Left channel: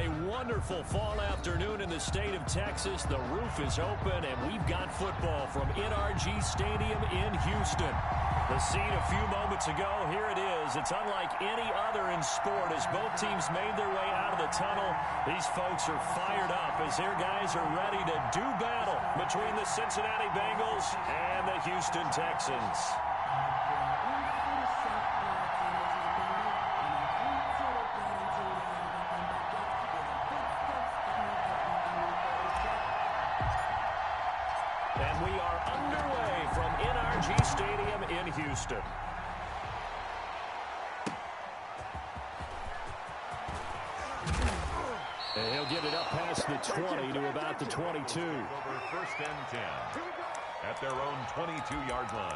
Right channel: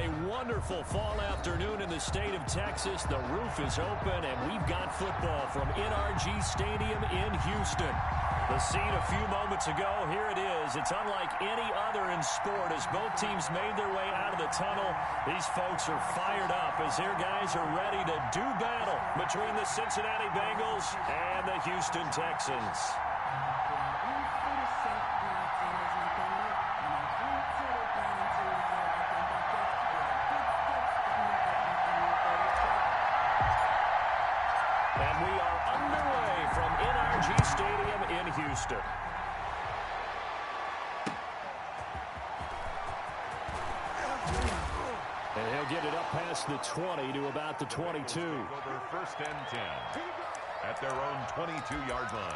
a wonderful fall afternoon in the state of Texas. The roof is open, and we've got football from NRG Stadium in Houston. The scene a few moments ago, here it is. It's unlike any other in sport as both teams made their way out of the tunnel. These folks are fired up as their guys are ready to do battle between the Cincinnati Bengals and the Houston Texans. And we are underway from NRG Stadium in Houston. And he'll get it up past the 20 to about the 22. Over 1st and 10 at their own 22-yard line.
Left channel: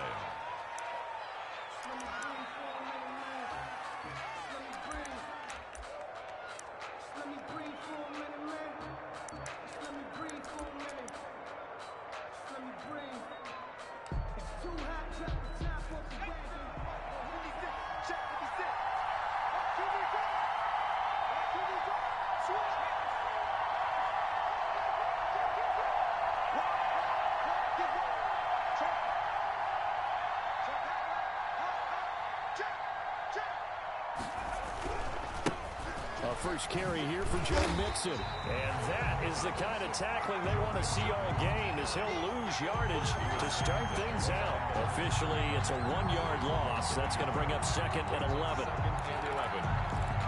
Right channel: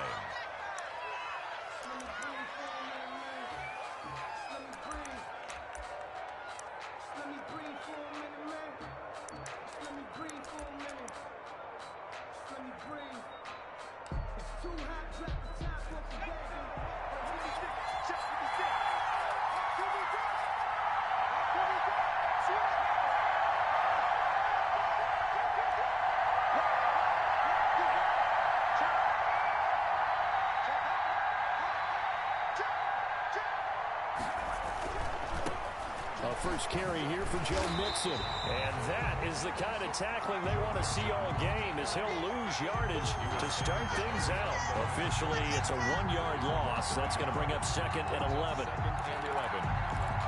First carry here for Joe Mixon. And that is the kind of tackling they want to see all game as he'll lose yardage to start things out. Officially, it's a 1-yard loss. That's going to bring up 2nd and 11. 2nd and 11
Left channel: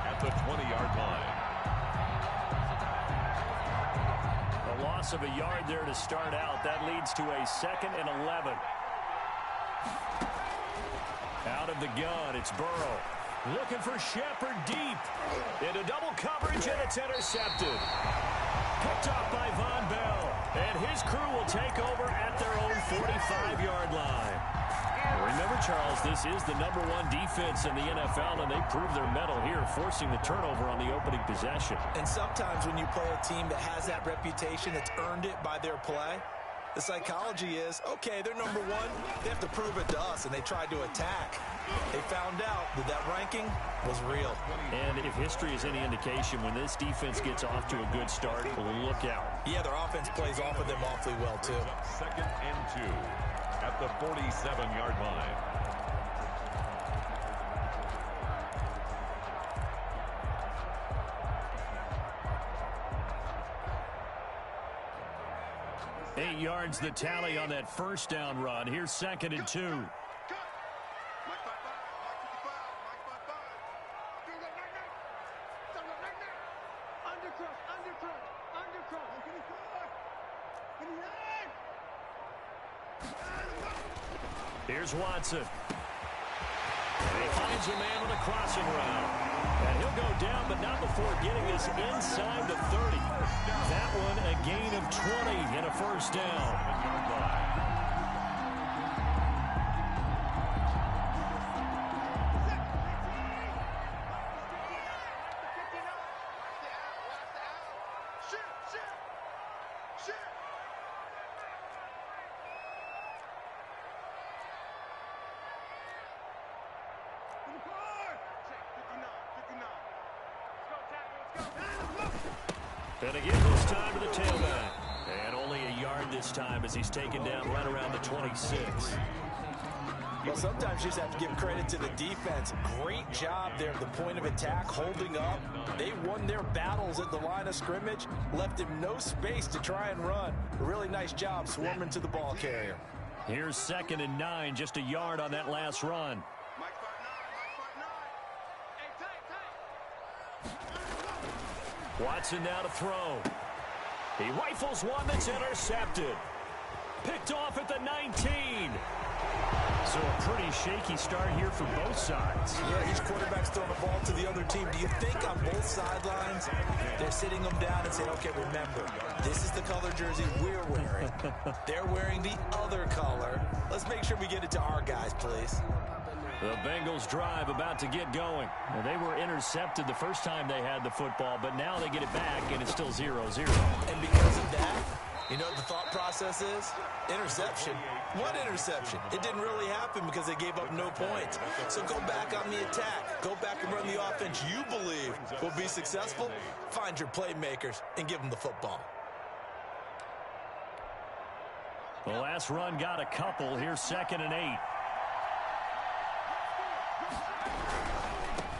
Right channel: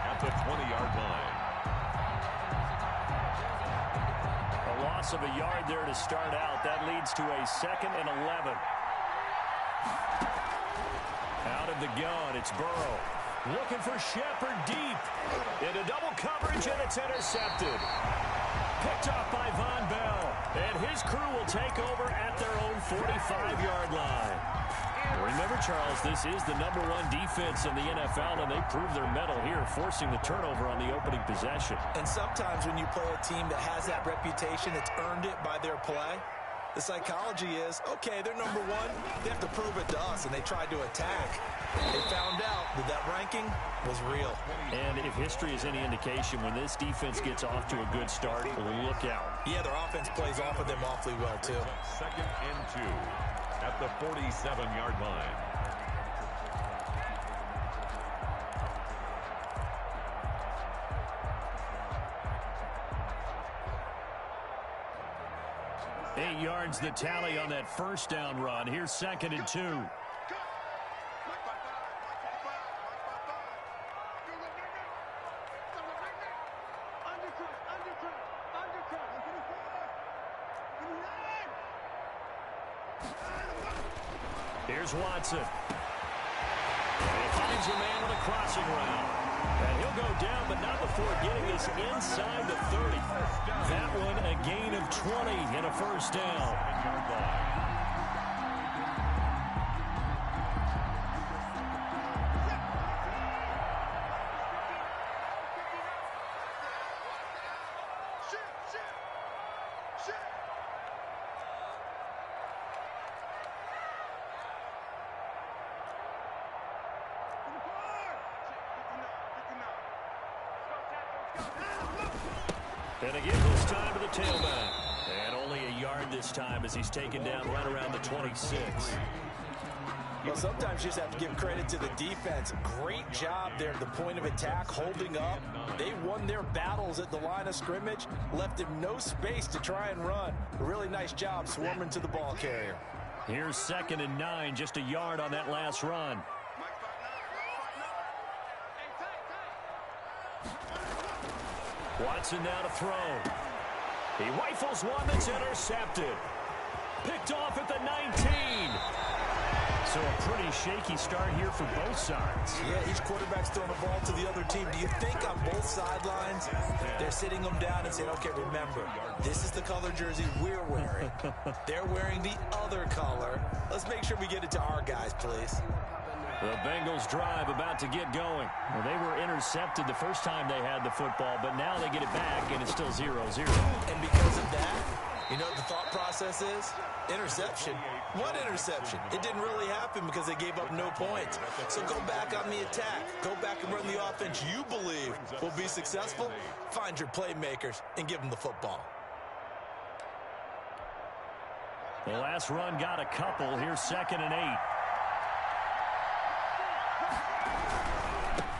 at the 20-yard line. A loss of a yard there to start out. That leads to a 2nd and 11. Out of the gun, it's Burrow. Looking for Shepard deep. Into double coverage, and it's intercepted. Picked off by Von Bell. And his crew will take over at their own 45-yard line. Remember, Charles, this is the #1 defense in the NFL, and they prove their mettle here, forcing the turnover on the opening possession. And sometimes when you play a team that has that reputation, it's earned it by their play. The psychology is, okay, they're #1. They have to prove it to us, and they tried to attack. They found out that that ranking was real. And if history is any indication, when this defense gets off to a good start, look out. Yeah, their offense plays off of them awfully well, too. 2nd and 2 at the 47-yard line. Eight yards the tally on that first down run. Here's 2nd and 2. Here's Watson. And he finds a man on a crossing route. And he'll go down, but not before getting this inside the 30. That one a gain of 20 and a first down. 7-yard line. And again, this time to the tailback. And only a yard this time as he's taken down right around the 26. Well, sometimes you just have to give credit to the defense. Great job there at the point of attack, holding up. They won their battles at the line of scrimmage, left him no space to try and run. A really nice job swarming to the ball carrier. Here's 2nd and 9, just a yard on that last run. Watson now to throw. He rifles one that's intercepted. Picked off at the 19. So a pretty shaky start here for both sides. Yeah, each quarterback's throwing the ball to the other team. Do you think on both sidelines they're sitting them down and saying, okay, remember, this is the color jersey we're wearing. They're wearing the other color. Let's make sure we get it to our guys, please. The Bengals drive about to get going. Well, they were intercepted the first time they had the football, but now they get it back, and it's still 0-0. And because of that, You know what the thought process is? Interception. What interception? It didn't really happen because they gave up no points. So go back on the attack. Go back and run the offense you believe will be successful. Find your playmakers and give them the football. The last run got a couple. Here's 2nd and 8.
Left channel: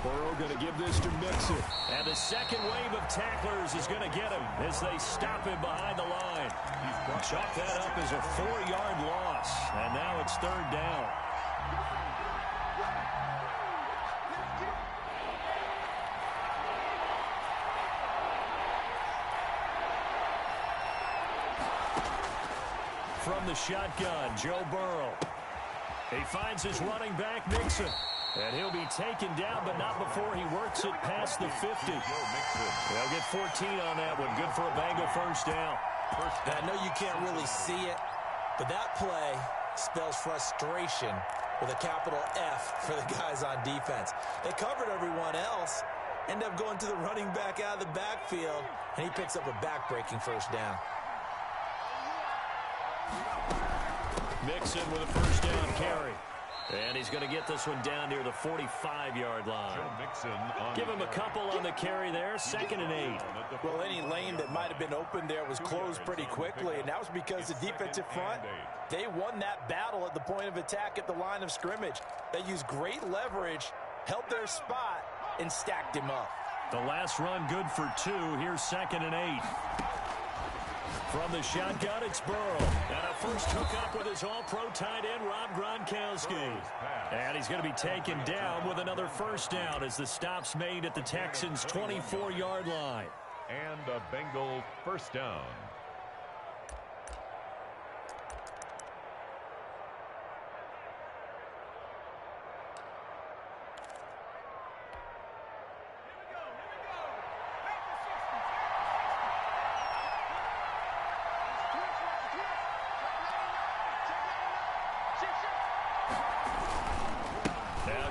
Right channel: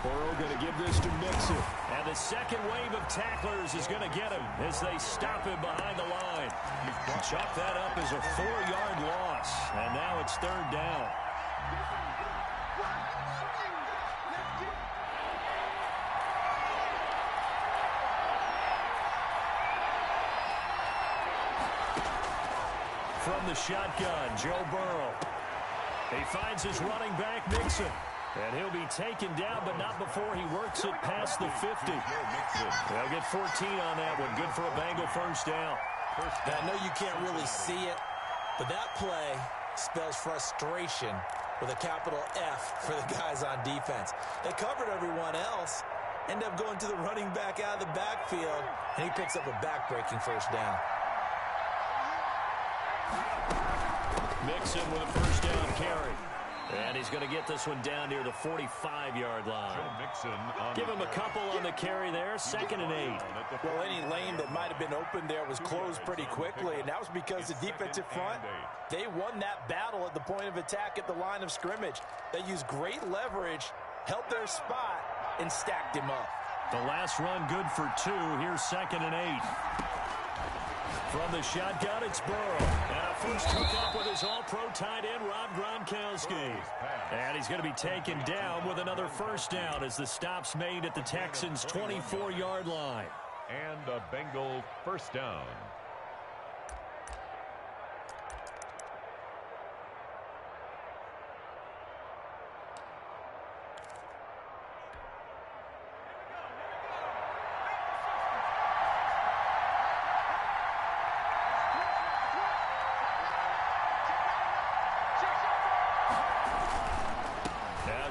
Burrow going to give this to Mixon. And the second wave of tacklers is going to get him as they stop him behind the line. Chalk that up as a 4-yard loss. And now it's 3rd down. From the shotgun, Joe Burrow. He finds his running back, Mixon. And he'll be taken down, but not before he works it past the 50. They'll get 14 on that one. Good for a Bengal first down. I know you can't really see it, but that play spells frustration with a capital F for the guys on defense. They covered everyone else, end up going to the running back out of the backfield, and he picks up a back-breaking first down. Mixon with a first down carry. And he's going to get this one down near the 45-yard line. Give him a couple on the carry there. 2nd and 8. Well, any lane that might have been open there was closed pretty quickly, and that was because the defensive front, they won that battle at the point of attack at the line of scrimmage. They used great leverage, held their spot, and stacked him up. The last run good for 2. Here's 2nd and 8. From the shotgun, it's Burrow. And a first hookup with his all-pro tight end, Rob Gronkowski. And he's going to be taken down with another first down as the stop's made at the Texans' 24-yard line. And a Bengal first down.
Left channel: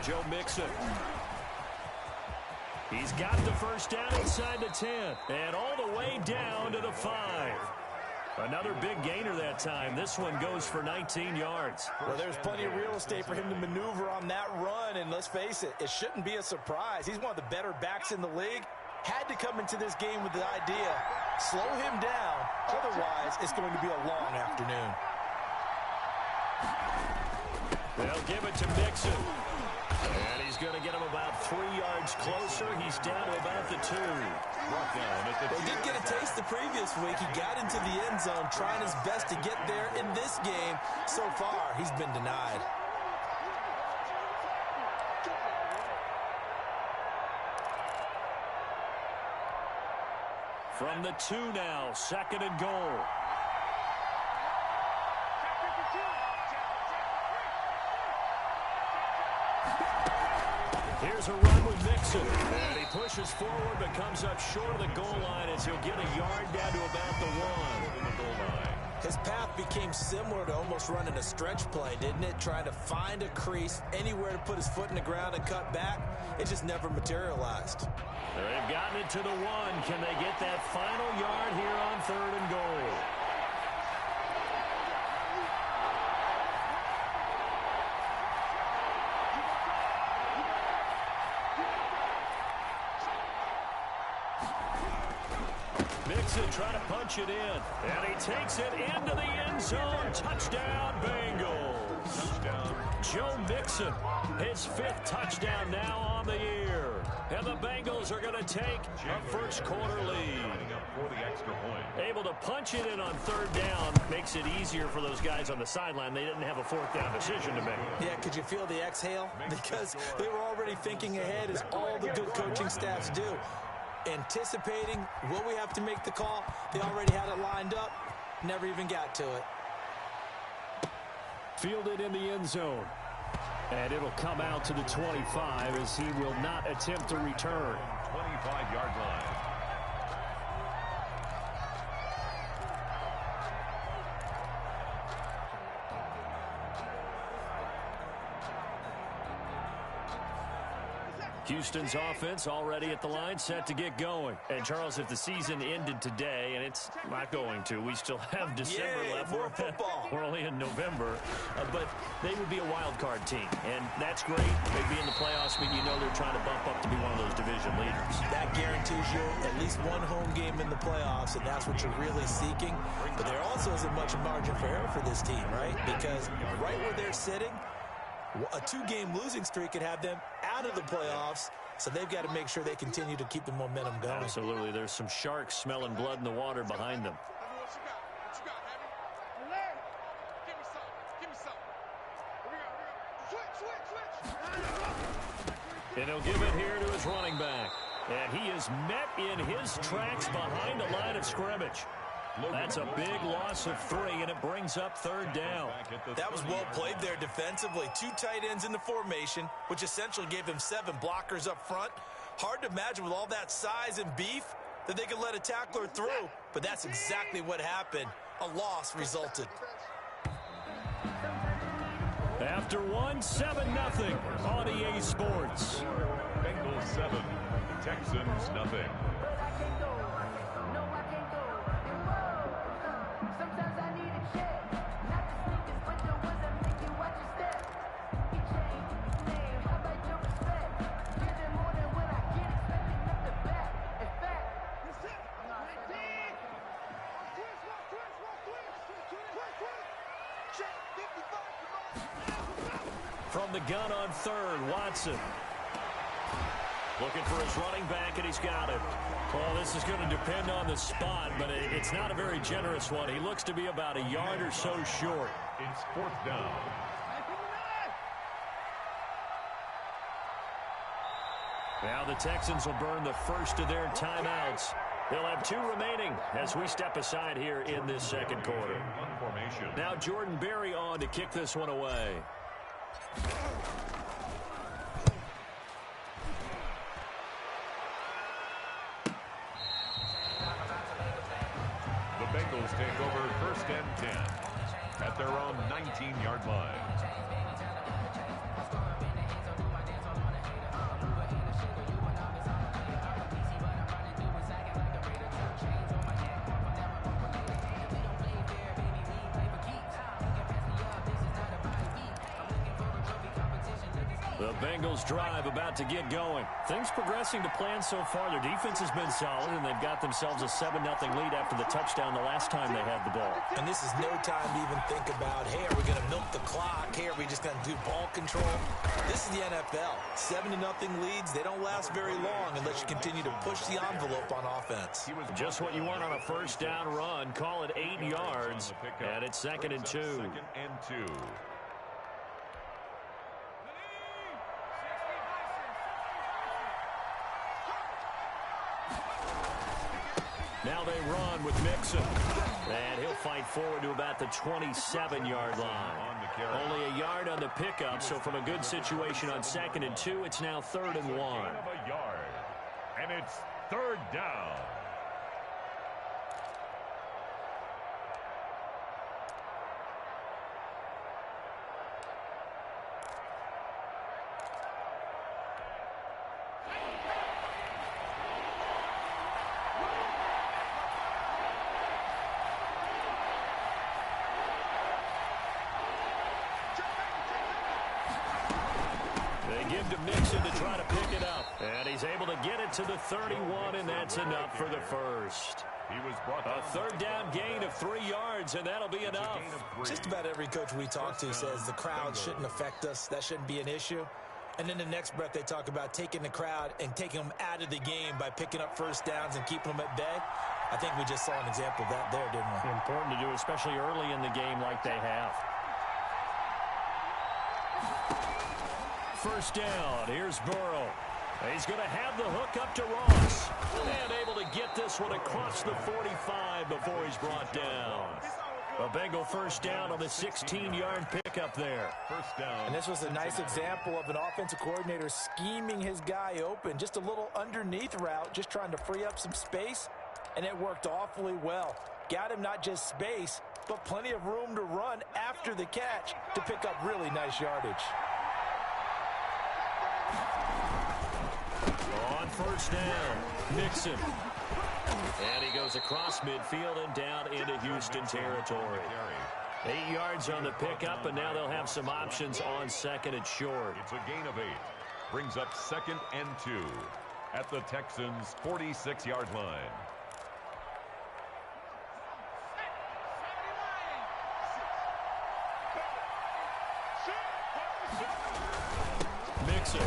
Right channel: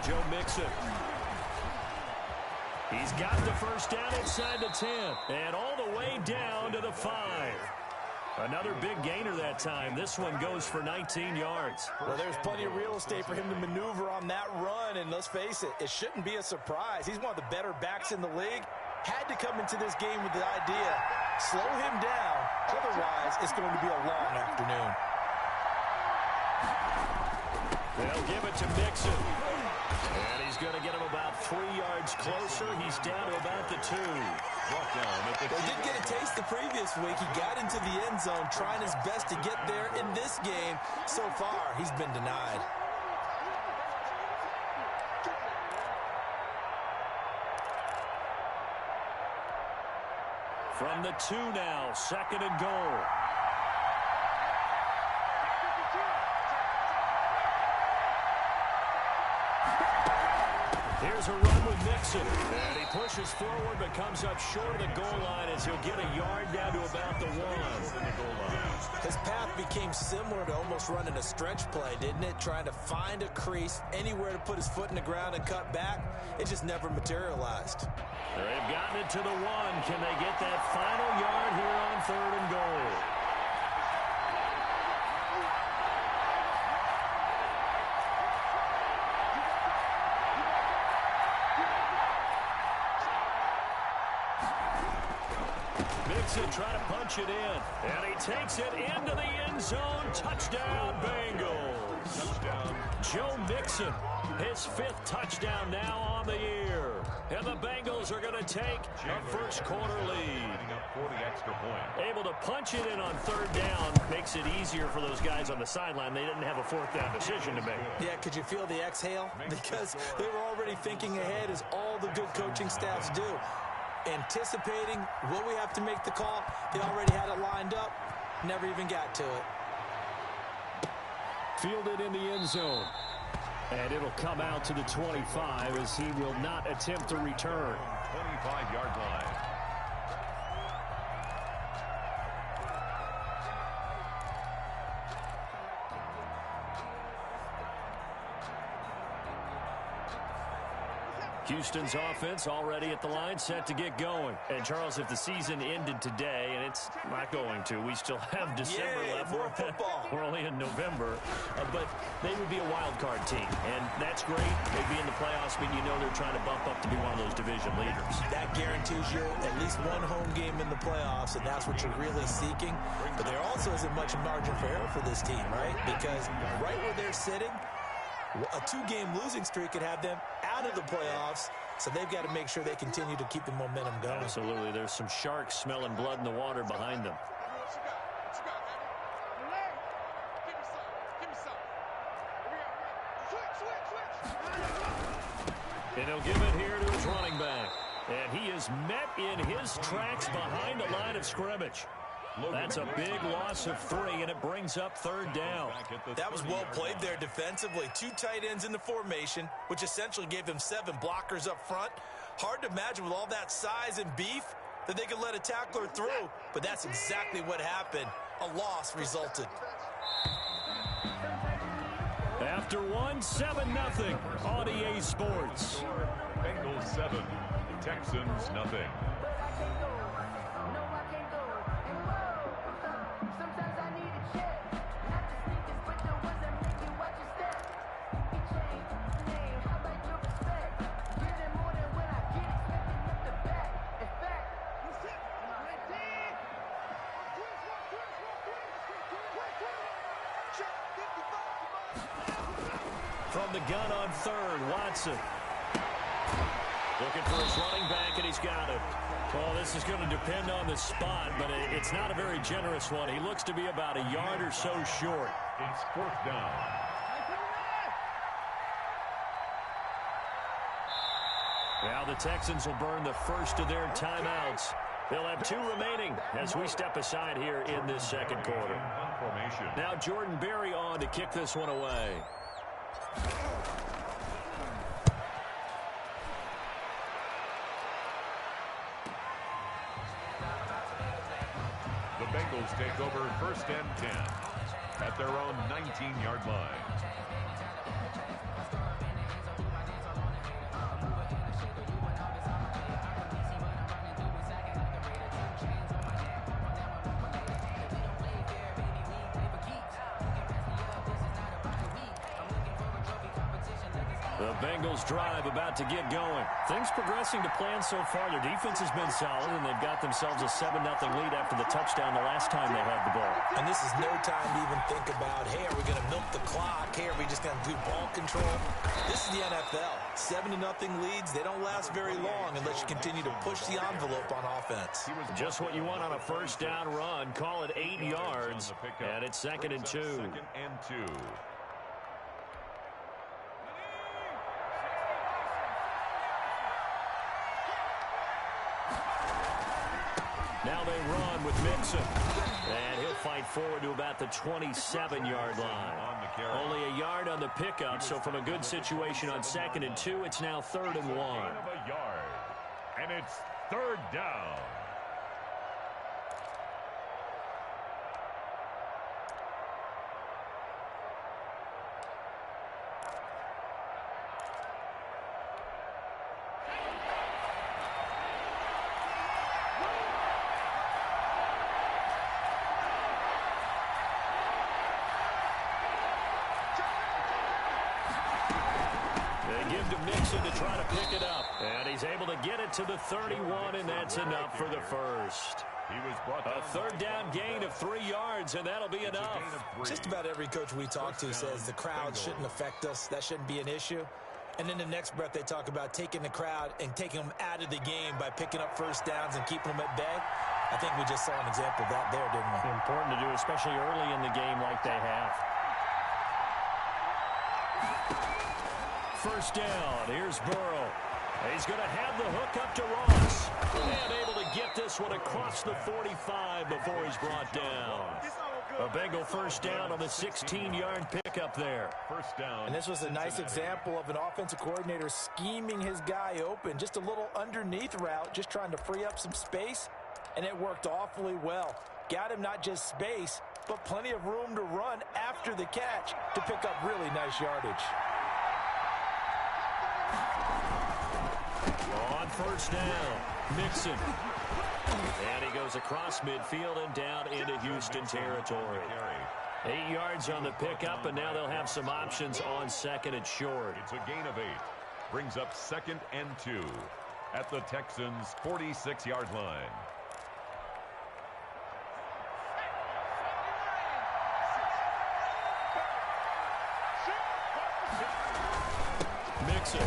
Joe Mixon. He's got the first down inside the 10 and all the way down to the 5. Another big gainer that time. This one goes for 19 yards. Well, there's plenty of real estate for him to maneuver on that run, and let's face it, it shouldn't be a surprise. He's one of the better backs in the league. Had to come into this game with the idea, slow him down, otherwise it's going to be a long afternoon. They'll give it to Mixon. And he's going to get him about 3 yards closer. He's down to about the 2. Well, he did get a taste the previous week. He got into the end zone trying his best to get there in this game. So far, he's been denied. From the 2 now, 2nd and goal. Here's a run with Mixon. And he pushes forward but comes up short of the goal line as he'll get a yard down to about the 1. His path became similar to almost running a stretch play, didn't it? Trying to find a crease, anywhere to put his foot in the ground and cut back. It just never materialized. They've gotten it to the 1. Can they get that final yard here on 3rd and goal? Mixon trying to punch it in. And he takes it into the end zone. Touchdown, Bengals. Touchdown. Joe Mixon, his 5th touchdown now on the year. And the Bengals are going to take a first quarter lead. For the extra point. Able to punch it in on 3rd down makes it easier for those guys on the sideline. They didn't have a 4th down decision to make. Yeah, could you feel the exhale? Because they were already thinking ahead, as all the good coaching staffs do. Anticipating what we have to make the call. They already had it lined up. Never even got to it. Fielded in the end zone. And it'll come out to the 25 as he will not attempt to return. 25-yard line. Houston's offense already at the line, set to get going. And, Charles, if the season ended today, and it's not going to, we still have December left. More football. We're only in November. But they would be a wild card team, and that's great. They'd be in the playoffs, but you know they're trying to bump up to be one of those division leaders. That guarantees you at least one home game in the playoffs, and that's what you're really seeking. But there also isn't much margin for error for this team, right? Because right where they're sitting, a 2-game losing streak could have them out of the playoffs, so they've got to make sure they continue to keep the momentum going. Absolutely. There's some sharks smelling blood in the water behind them. What you got, Eddie? Give me some. Switch. And he'll give it here to his running back. And he is met in his tracks behind the line of scrimmage. That's a big loss of 3, and it brings up 3rd down. That was well played there defensively. 2 tight ends in the formation, which essentially gave them 7 blockers up front. Hard to imagine with all that size and beef that they could let a tackler through, but that's exactly what happened. A loss resulted. After 1, 7-0 on EA Sports. Bengals 7, Texans nothing. From the gun on 3rd, Watson. Looking for his running back, and he's got it. Well, this is going to depend on the spot, but it's not a very generous one. He looks to be about a yard or so short. It's 4th down. Now the Texans will burn the first of their timeouts. They'll have 2 remaining as we step aside here in this second quarter. Now Jordan Berry on to kick this one away. The Bengals take over 1st and 10 at their own 19-yard line. The Bengals drive about to get going. Things progressing to plan so far. Their defense has been solid, and they've got themselves a 7-0 lead after the touchdown the last time they had the ball. And this is no time to even think about, hey, are we going to milk the clock? Hey, are we just going to do ball control? This is the NFL. 7-0 leads, they don't last very long unless you continue to push the envelope on offense. Just what you want on a 1st down run. Call it 8 yards, and it's 2nd and 2. 2nd and 2. Now they run with Mixon. And he'll fight forward to about the 27-yard line. Only a yard on the pickup, so from a good situation on 2nd and 2, it's now 3rd and 1. And it's 3rd down. Give to Mixon to try to pick it up. And he's able to get it to the 31, and that's enough for the first. A 3rd down gain of 3 yards, and that'll be enough. Just about every coach we talk to says the crowd shouldn't affect us. That shouldn't be an issue. And in the next breath, they talk about taking the crowd and taking them out of the game by picking up 1st downs and keeping them at bay. I think we just saw an example of that there, didn't we? Important to do, especially early in the game like they have. 1st down. Here's Burrow. He's going to have the hook up to Ross. And able to get this one across the 45 before he's brought down. A Bengal 1st down on the 16-yard pickup there. 1st down. And this was a nice example of an offensive coordinator scheming his guy open. Just a little underneath route, just trying to free up some space. And it worked awfully well. Got him not just space, but plenty of room to run after the catch to pick up really nice yardage. first down. Mixon. And he goes across midfield and down into Houston territory. 8 yards on the pickup, and now they'll have some options on second and short. It's a gain of 8. Brings up 2nd and 2 at the Texans' 46-yard line. Mixon.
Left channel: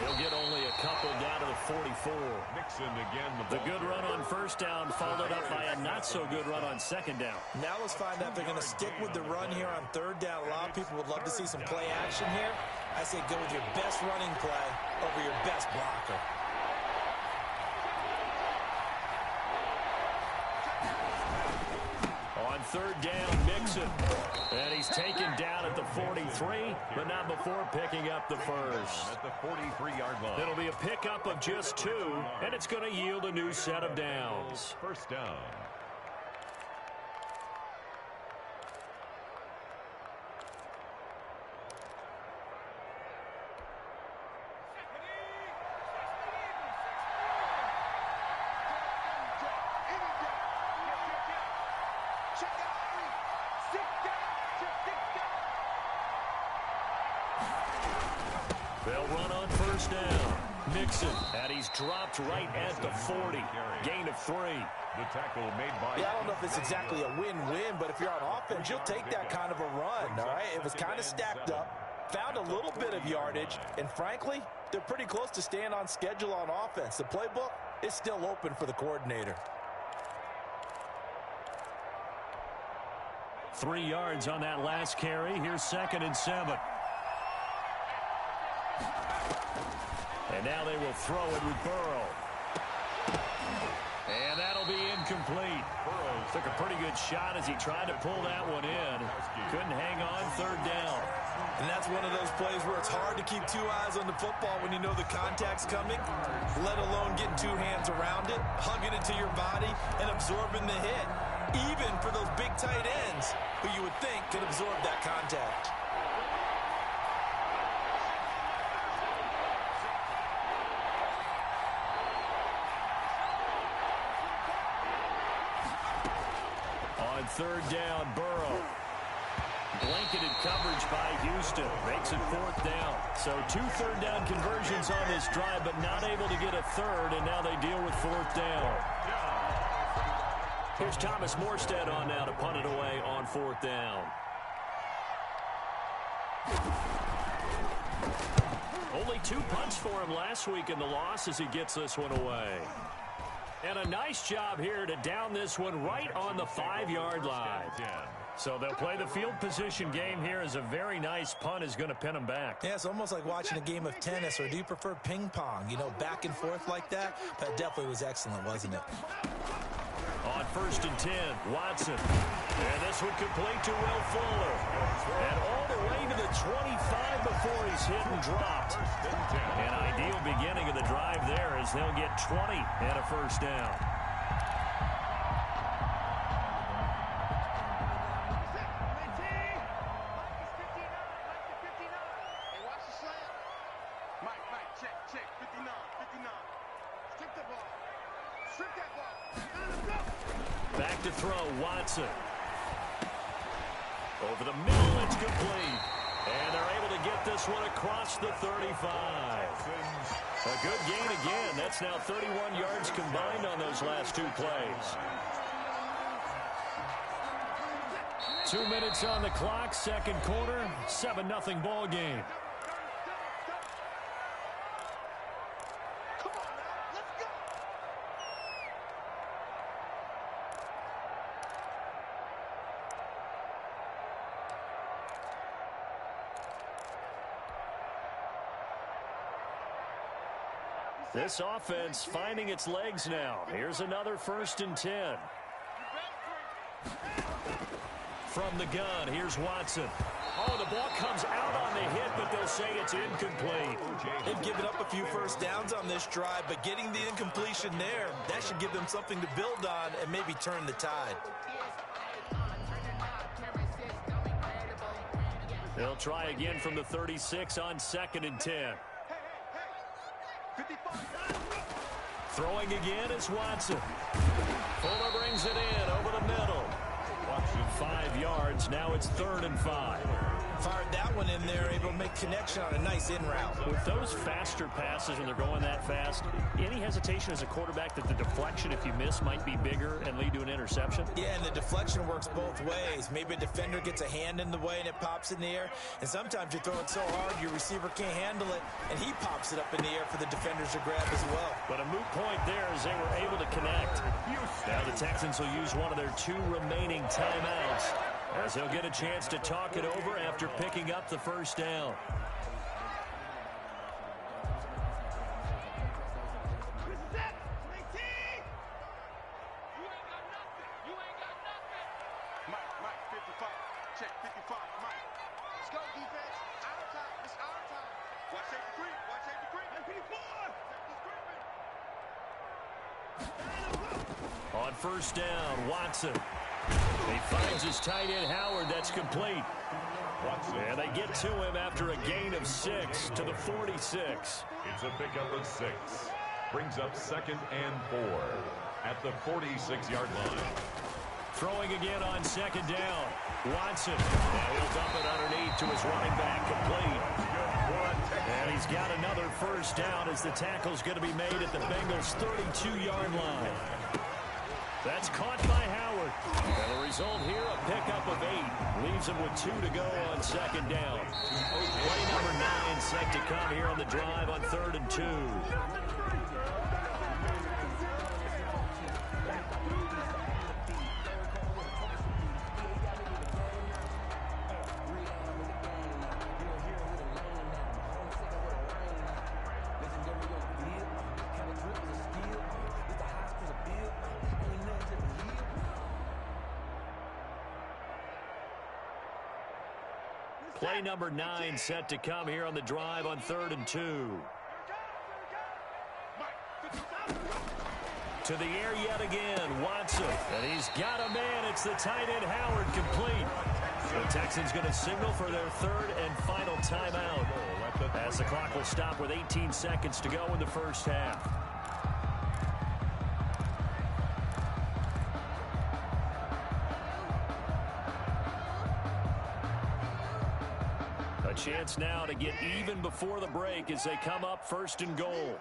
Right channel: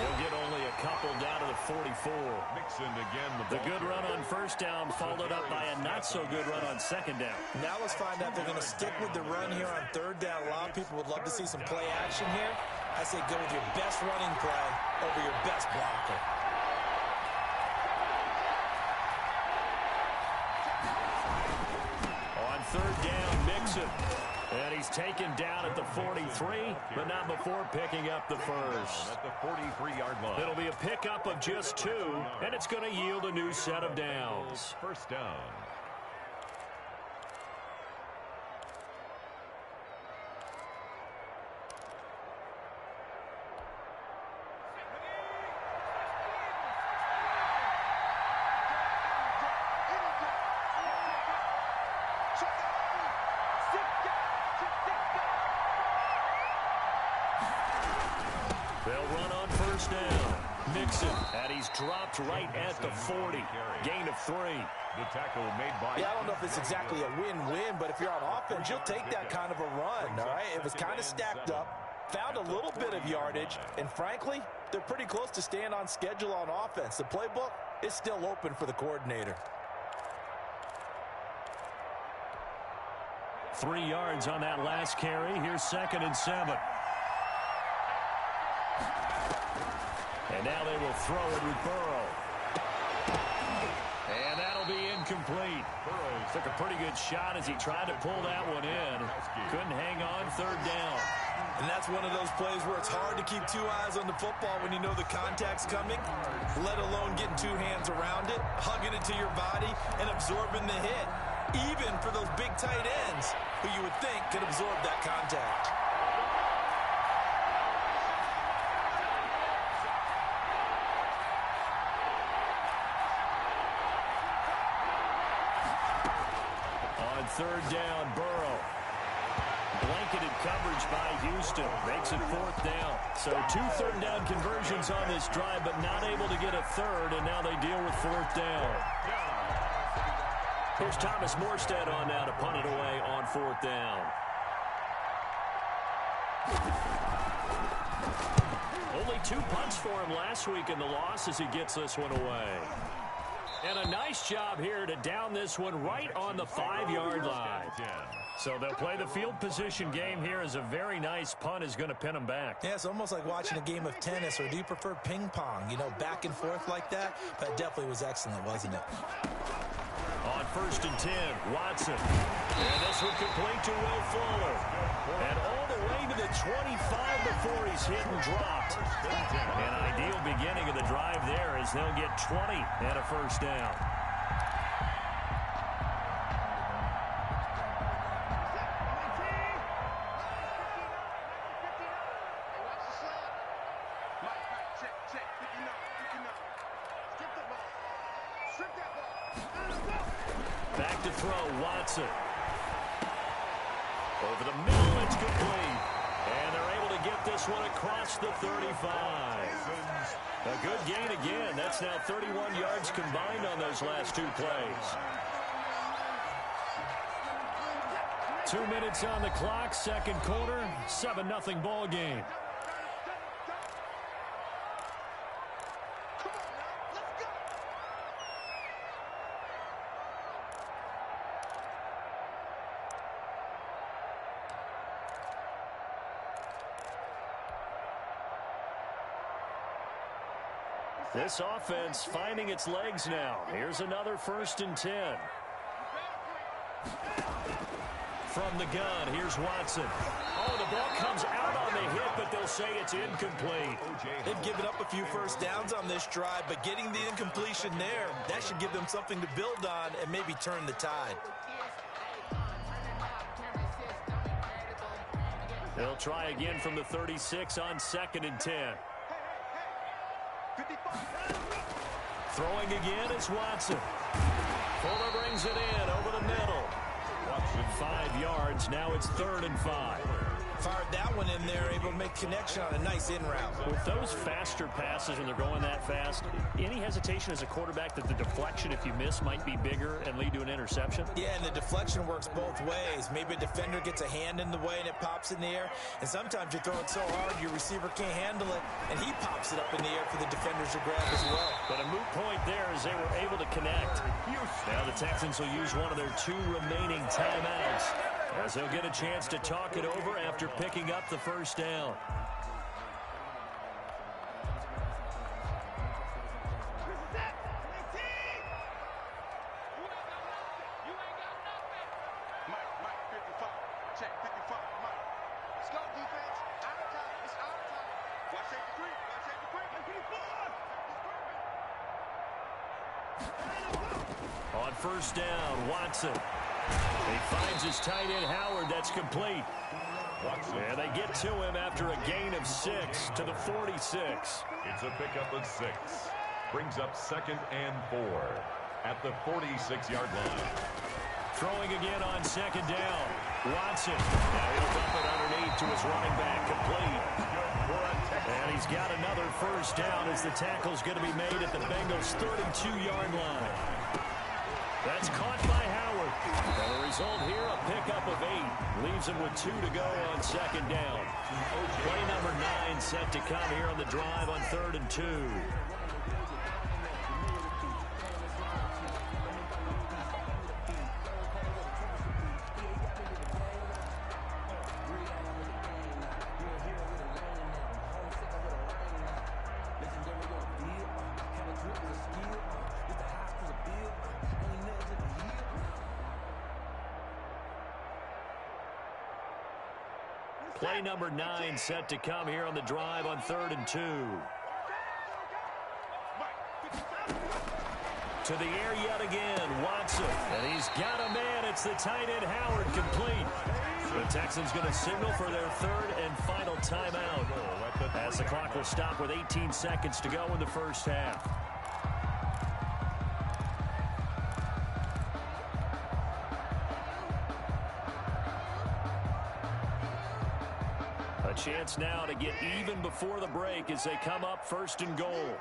He'll get only a couple down to the 44. Mixon again. The good run on first down followed up by a not-so-good run on second down. Now let's find out if they're going to stick with the run here on third down. A lot of people would love to see some play action here. I say go with your best running play over your best blocker. On third down, Mixon. And he's taken down at the 43, but not before picking up the first. At the 43-yard line. It'll be a pickup of just 2, and it's going to yield a new set of downs. First down. They'll run on first down. Mixon, and he's dropped right at the 40. Gain of 3. The tackle made by... Yeah, I don't know if it's exactly a win-win, but if you're on offense, you'll take that kind of a run, all right? It was kind of stacked up, found a little bit of yardage, and frankly, they're pretty close to staying on schedule on offense. The playbook is still open for the coordinator. 3 yards on that last carry. Here's 2nd and 7. And now they will throw it with Burrow. And that'll be incomplete. Burrow took a pretty good shot as he tried to pull that one in. Couldn't hang on third down. And that's one of those plays where it's hard to keep 2 eyes on the football when you know the contact's coming, let alone getting 2 hands around it, hugging it to your body, and absorbing the hit. Even for those big tight ends who you would think could absorb that contact. On third down, Burrow. Blanketed coverage by Houston. Makes it 4th down. So 2 third down conversions on this drive, but not able to get a third, and now they deal with 4th down. Here's Thomas Morstead on now to punt it away on 4th down. Only 2 punts for him last week in the loss as he gets this one away. And a nice job here to down this one right on the 5-yard line. So they'll play the field position game here as a very nice punt is going to pin them back. Yeah, it's almost like watching a game of tennis, or do you prefer ping pong? You know, back and forth like that? But it definitely was excellent, wasn't it? On 1st and 10, Watson. And this one complete to Will Fuller. And all the way to the 25 before he's hit and dropped. An ideal beginning of the drive there as they'll get 20 and a first down. Back to throw, Watson. Over the middle, it's complete. And they're able to get this one across the 35. A good gain again. That's now 31 yards combined on those last 2 plays. 2 minutes on the clock, second quarter, 7-0 ball game. This offense finding its legs now. Here's another 1st and 10. From the gun, here's Watson. Oh, the ball comes out on the hit, but they'll say it's incomplete. They've given up a few first downs on this drive, but getting the incompletion there, that should give them something to build on and maybe turn the tide. They'll try again from the 36 on 2nd and 10. Throwing again is Watson. Fuller brings it in over the middle. Watson 5 yards. Now it's 3rd and 5. Fired that one in there, able to make connection on a nice in route. With those faster passes when they're going that fast, any hesitation as a quarterback that the deflection, if you miss, might be bigger and lead to an interception? Yeah, and the deflection works both ways. Maybe a defender gets a hand in the way and it pops in the air. And sometimes you throw it so hard your receiver can't handle it, and he pops it up in the air for the defenders to grab as well. But a moot point there as they were able to connect. Now the Texans will use one of their 2 remaining timeouts, as they'll get a chance to talk it over after picking up the first down. Mike, 55. Check, 55, Mike. Let's go, defense. Our time. It's our time. Watch safety creep. Watch safety creep. 54. On first down, Watson. He finds his tight end, Howard. That's complete. And they get to him after a gain of 6 to the 46. It's a pickup of 6. Brings up 2nd and 4 at the 46-yard line. Throwing again on 2nd down. Watson. Now he'll dump it underneath to his running back. Complete. And he's got another first down as the tackle's going to be made at the Bengals' 32-yard line. That's caught by Howard. And the result here, a pickup of 8. Leaves him with 2 to go on 2nd down. Play number 9 set to come here on the drive on 3rd and 2. Play number 9 set to come here on the drive on 3rd and 2. To the air yet again, Watson. And he's got a man. It's the tight end, Howard, complete. The Texans going to signal for their 3rd and final timeout, as the clock will stop with 18 seconds to go in the first half. A chance now to get even before the break as they come up 1st and goal.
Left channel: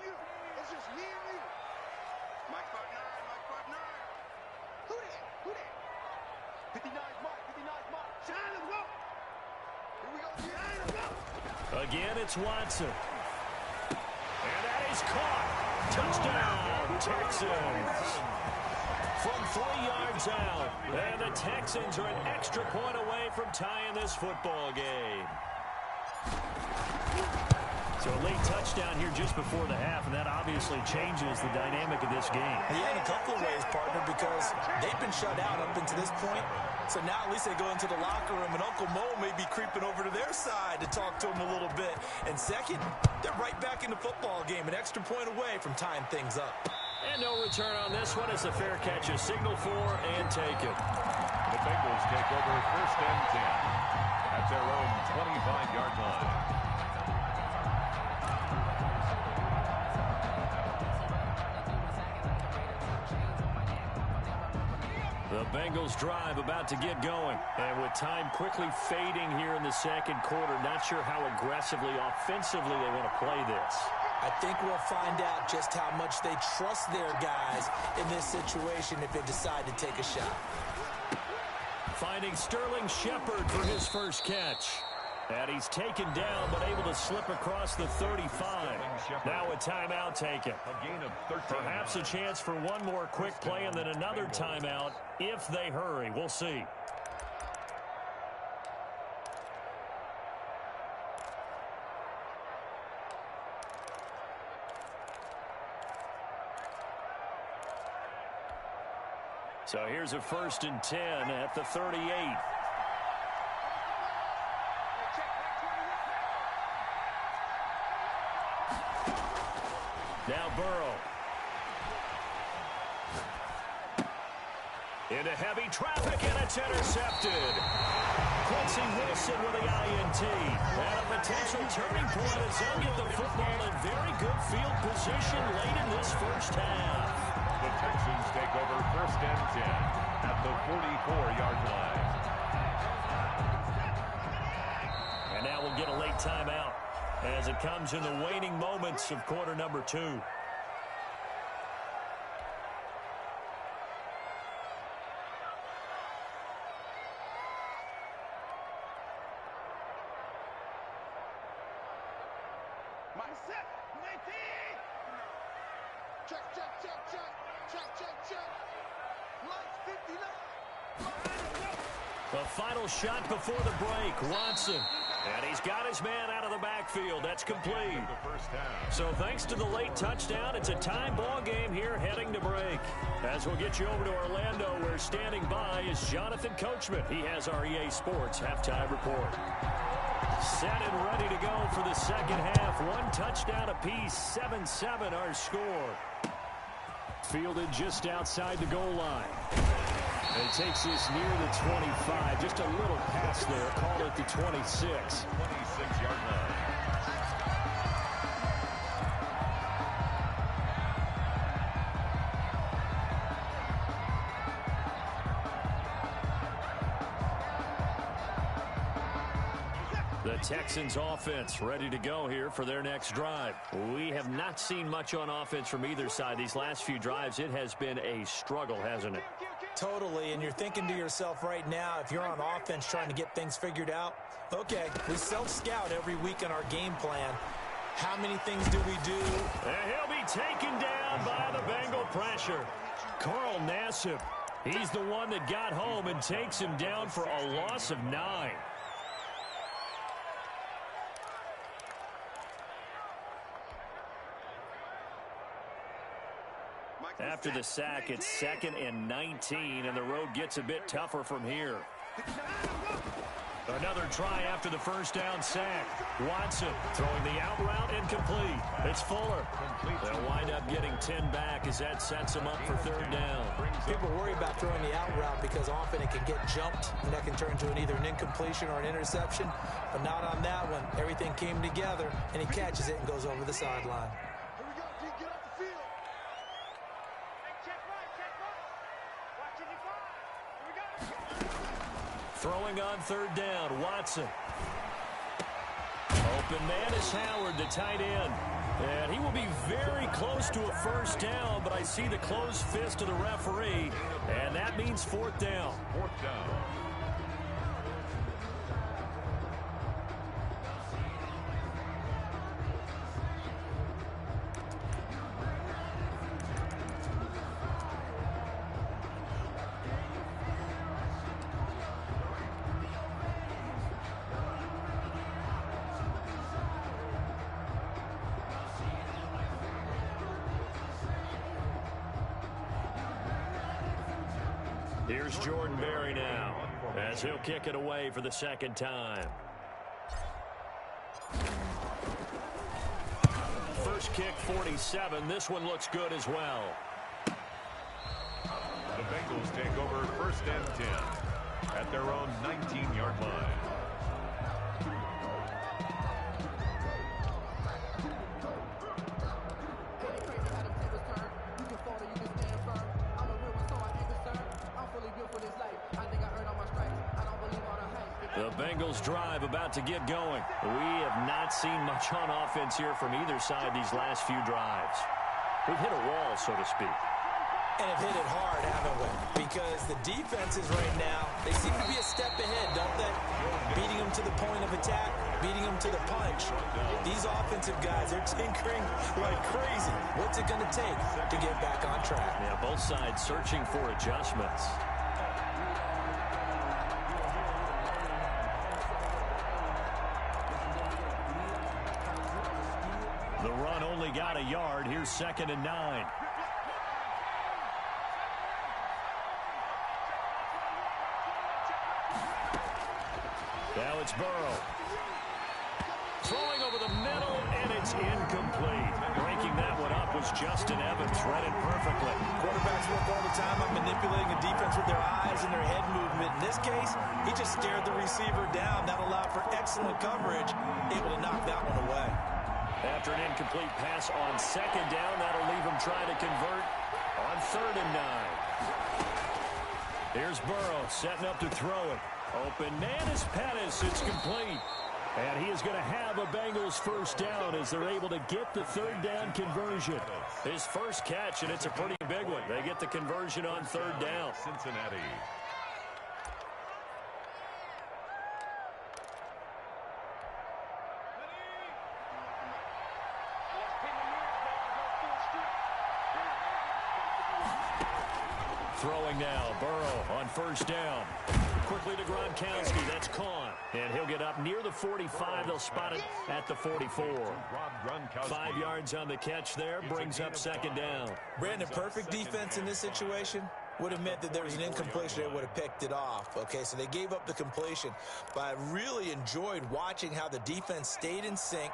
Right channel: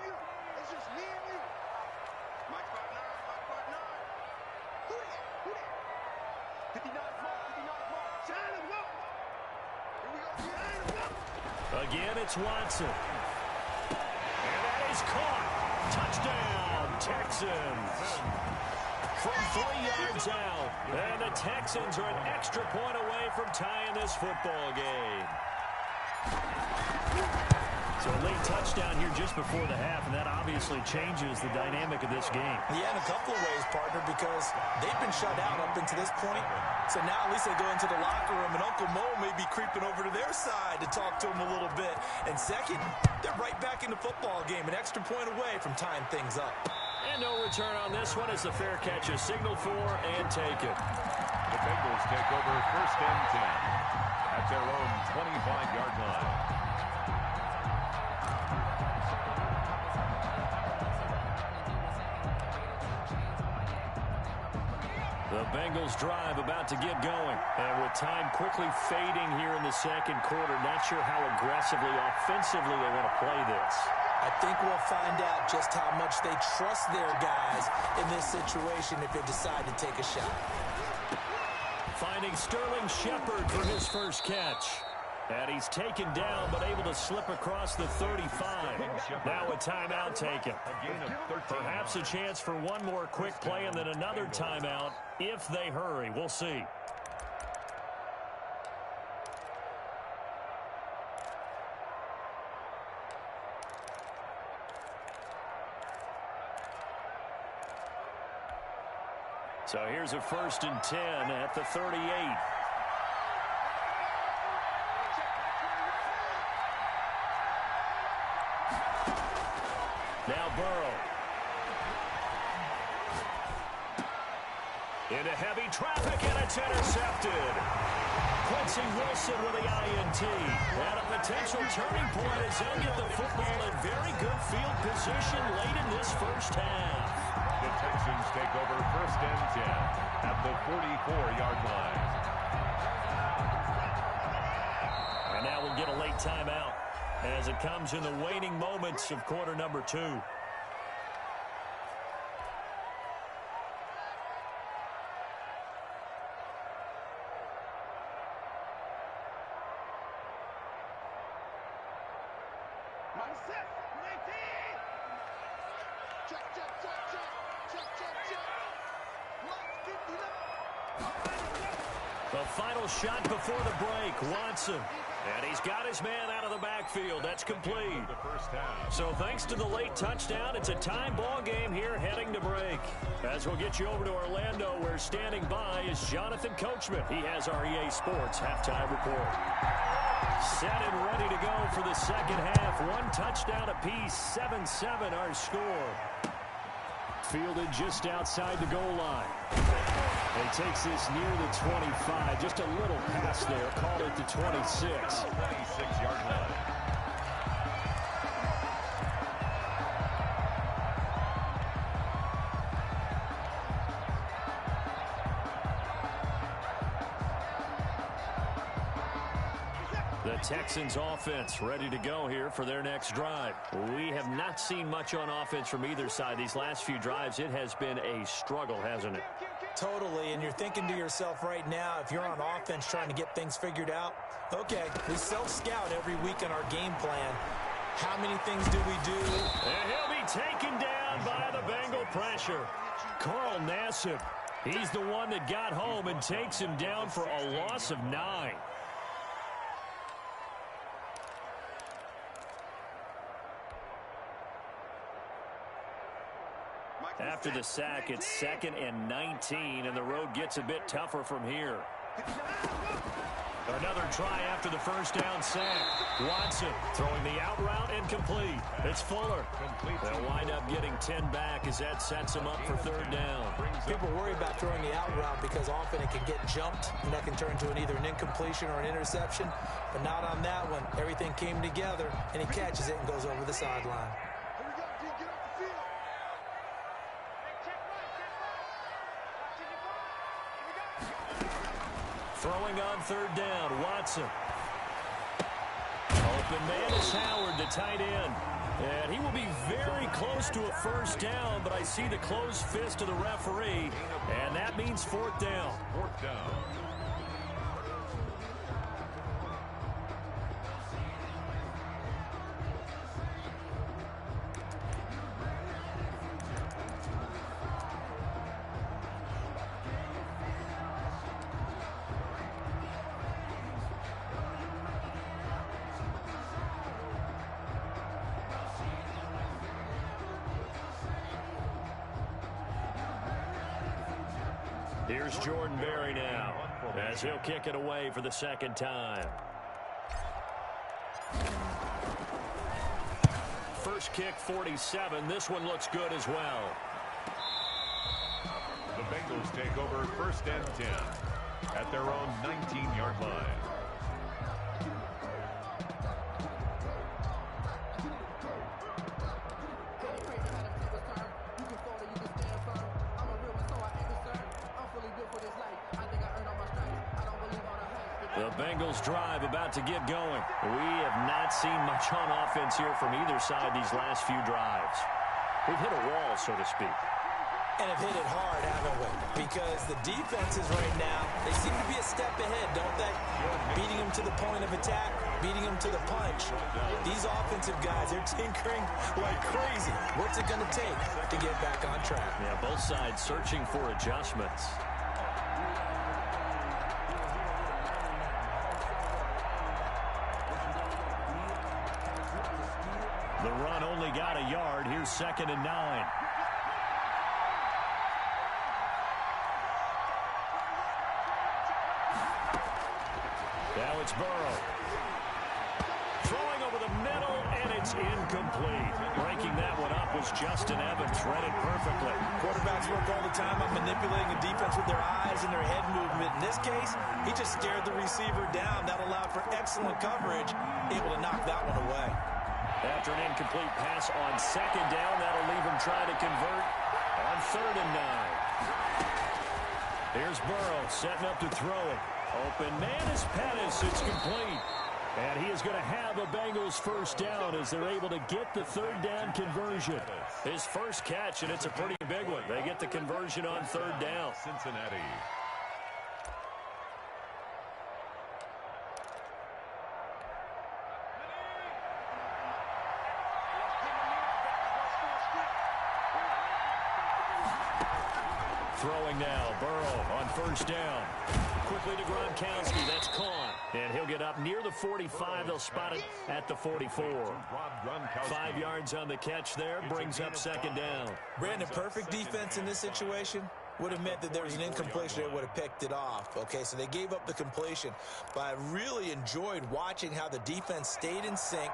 It's just me and you. Mike 5'9", Who that? 59's Mark. Shine him, go. Here we go. Shine him, go. Again, it's Watson. And that is caught. Touchdown, Texans. From 3 yards out. And the Texans are an extra point away from tying this football game. So a late touchdown here just before the half, and that obviously changes the dynamic of this game. Yeah, in a couple of ways, partner, because they've been shut out up until this point. So now at least they go into the locker room, and Uncle Mo may be creeping over to their side to talk to them a little bit. And second, they're right back in the football game, an extra point away from tying things up. And no return on this one as the fair catch is signaled for and taken. The Bengals take over 1st and 10 at their own 25-yard line. The Bengals drive about to get going. And with time quickly fading here in the 2nd quarter, not sure how aggressively, offensively they want to play this. I think we'll find out just how much they trust their guys in this situation if they decide to take a shot. Finding Sterling Shepard for his first catch. And he's taken down, but able to slip across the 35. Now a timeout taken. Perhaps a chance for one more quick play and then another timeout if they hurry. We'll see. So here's a 1st and 10 at the 38. Now Burrow. Into heavy traffic, and it's intercepted. Quincy Wilson with the INT. And a potential turning point as they'll get the football in very good field position late in this first half. The Texans take over 1st and 10 at the 44-yard line. And now we'll get a late timeout as it comes in the waning moments of quarter number 2. Mike set. 19. Check, check, check, check. Check, check, check. Mike 59. The final shot before the break, Watson. And he's got his man out of the backfield. That's complete. So thanks to the late touchdown, it's a tie ball game here heading to break. As we'll get you over to Orlando, where standing by is Jonathan Coachman. He has our EA Sports halftime report. Set and ready to go for the second half. 1 touchdown apiece, 7-7 our score. Fielded just outside the goal line. And he takes this near the 25. Just a little pass there. Call it the 26. 26-yard line. The Texans offense ready to go here for their next drive. We have not seen much on offense from either side. These last few drives, it has been a struggle, hasn't it? Totally, and you're thinking to yourself right now, if you're on offense trying to get things figured out, okay, we self-scout every week in our game plan. How many things do we do? And he'll be taken down by the Bengal pressure. Carl Nassib, he's the one that got home and takes him down for a loss of 9. After the sack, it's 2nd and 19, and the road gets a bit tougher from here. Another try after the first down sack. Watson throwing the out route incomplete. It's Fuller. They'll wind up getting 10 back as that sets them up for 3rd down. People worry about throwing the out route because often it can get jumped, and that can turn into either an incompletion or an interception. But not on that one. Everything came together, and he catches it and goes over the sideline. Here we go, D. Get off the field. Hey, check right, check right. Watching your ball. Here we go. Throwing on 3rd down, Watson. Open man is Howard, the tight end. And he will be very close to a 1st down, but I see the closed fist of the referee, and that means 4th down. 4th down. Here's Jordan Berry now, as he'll kick it away for the 2nd time. First kick, 47. This one looks good as well. The Bengals take over 1st and 10 at their own 19-yard line. The Bengals drive about to get going. We have not seen much on offense here from either side these last few drives. We've hit a wall, so to speak. And have hit it hard, haven't we? Because the defenses right now, they seem to be a step ahead, don't they? Beating them to the point of attack, beating them to the punch. These offensive guys, they're tinkering like crazy. What's it going to take to get back on track? Yeah, both sides searching for adjustments. The run only got a yard. Here's 2nd and 9. Now it's Burrow. Throwing over the middle, and it's incomplete. Breaking that one up was Justin Evans. Read it perfectly. Quarterbacks work all the time on manipulating a defense with their eyes and their head movement. In this case, he just stared the receiver down. That allowed for excellent coverage, able to knock that one away. After an incomplete pass on second down, that'll leave him trying to convert on 3rd and 9. Here's Burrow setting up to throw it. Open man is Pettis. It's complete. And he is going to have a Bengals first down as they're able to get the 3rd down conversion. His first catch, and it's a pretty big one. They get the conversion on 3rd down. Cincinnati. Throwing now, Burrow on 1st down. Quickly to Gronkowski, that's caught. And he'll get up near the 45. They'll spot it at the 44. 5 yards on the catch there, brings up 2nd down. Brandon, perfect defense in this situation would have meant that there was an incompletion. They would have picked it off. Okay, so they gave up the completion. But I really enjoyed watching how the defense stayed in sync,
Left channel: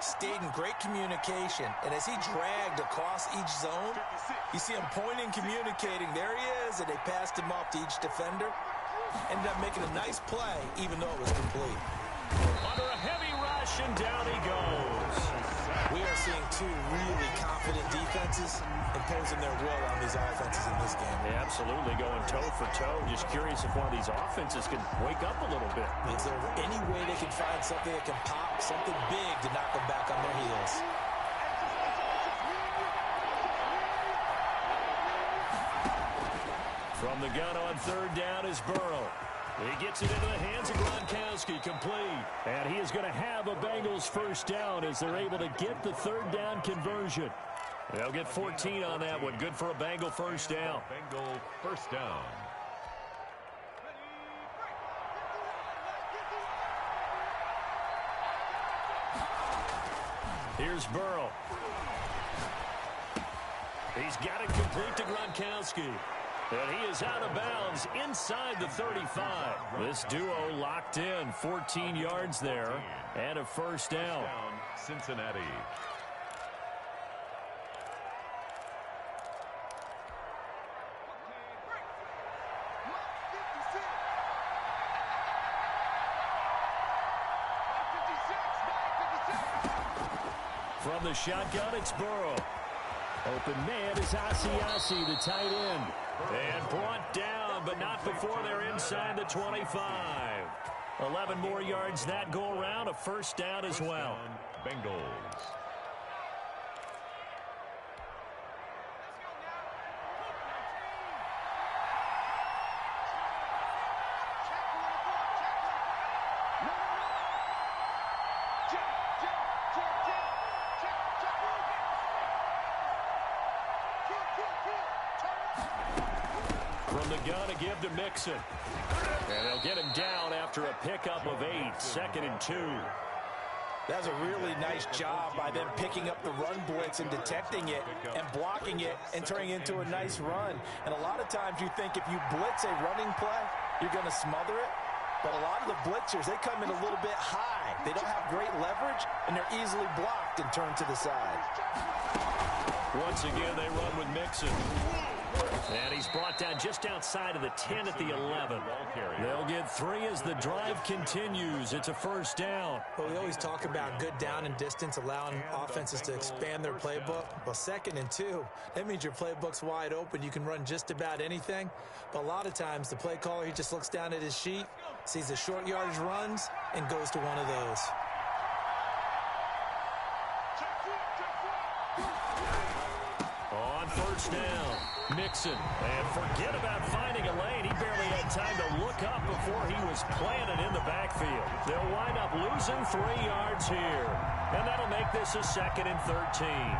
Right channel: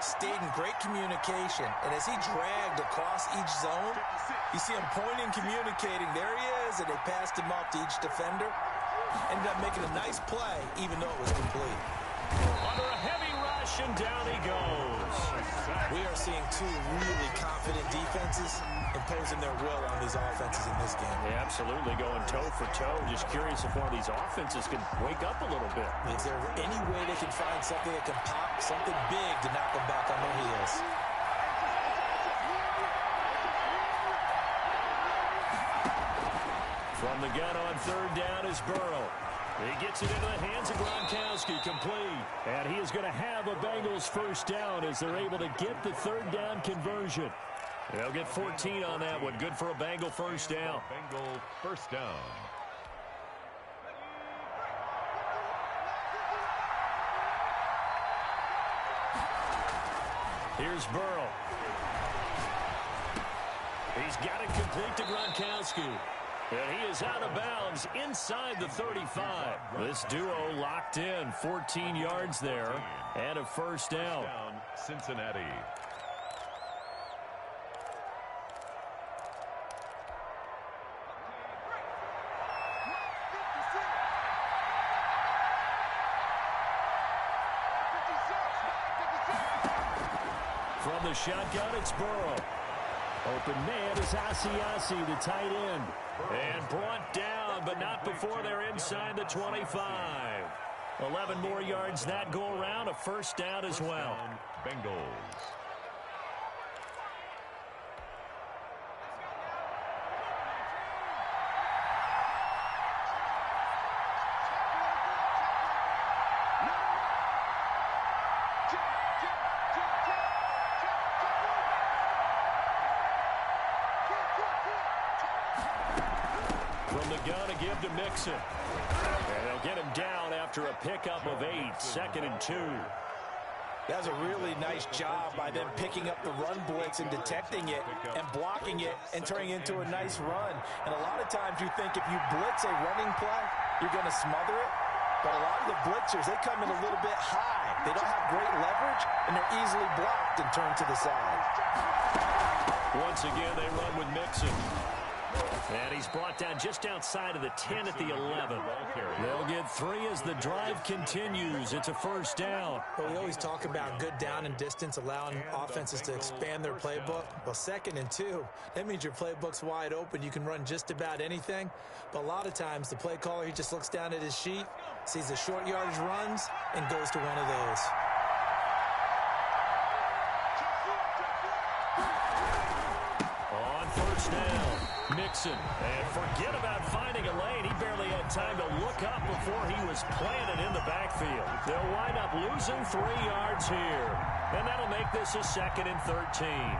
stayed in great communication. And as he dragged across each zone, you see him pointing, communicating. There he is, and they passed him off to each defender. Ended up making a nice play, even though it was complete. Under a heavy rush, and down he goes. We are seeing two really confident defenses imposing their will on these offenses in this game. Yeah, absolutely, going toe for toe. Just curious if one of these offenses can wake up a little bit. Is there any way they can find something that can pop, something big to knock them back on their heels? From the gun on 3rd down is Burrow. He gets it into the hands of Gronkowski, complete. And he is going to have a Bengals first down as they're able to get the 3rd down conversion. They'll get 14 on that one. Good for a Bengal first down. Bengal first down. Here's Burrow. He's got it complete to Gronkowski. And he is out of bounds inside the 35. This duo locked in, 14 yards there, and a first down. Cincinnati. From the shotgun, it's Burrow. Open man is Asiasi, the tight end. And brought down, but not before they're inside the 25. 11 more yards that go around, a first down as well. Bengals. From the gun, a give to Mixon. And they'll get him down after a pickup of 8, 2nd and 2. That's a really nice job by them picking up the run blitz and detecting it and blocking it and turning it into a nice run. And a lot of times you think if you blitz a running play, you're going to smother it. But a lot of the blitzers, they come in a little bit high. They don't have great leverage, and they're easily blocked and turned to the side. Once again, they run with Mixon. And he's brought down just outside of the 10 at the 11. They'll get 3 as the drive continues. It's a first down. Well, we always talk about good down and distance, allowing offenses to expand their playbook. Well, 2nd and 2, that means your playbook's wide open. You can run just about anything. But a lot of times, the play caller, he just looks down at his sheet, sees the short yardage runs, and goes to one of those. On first down, Mixon. And forget about finding a lane. He barely had time to look up before he was planted in the backfield. They'll wind up losing 3 yards here. And that'll make this a 2nd and 13.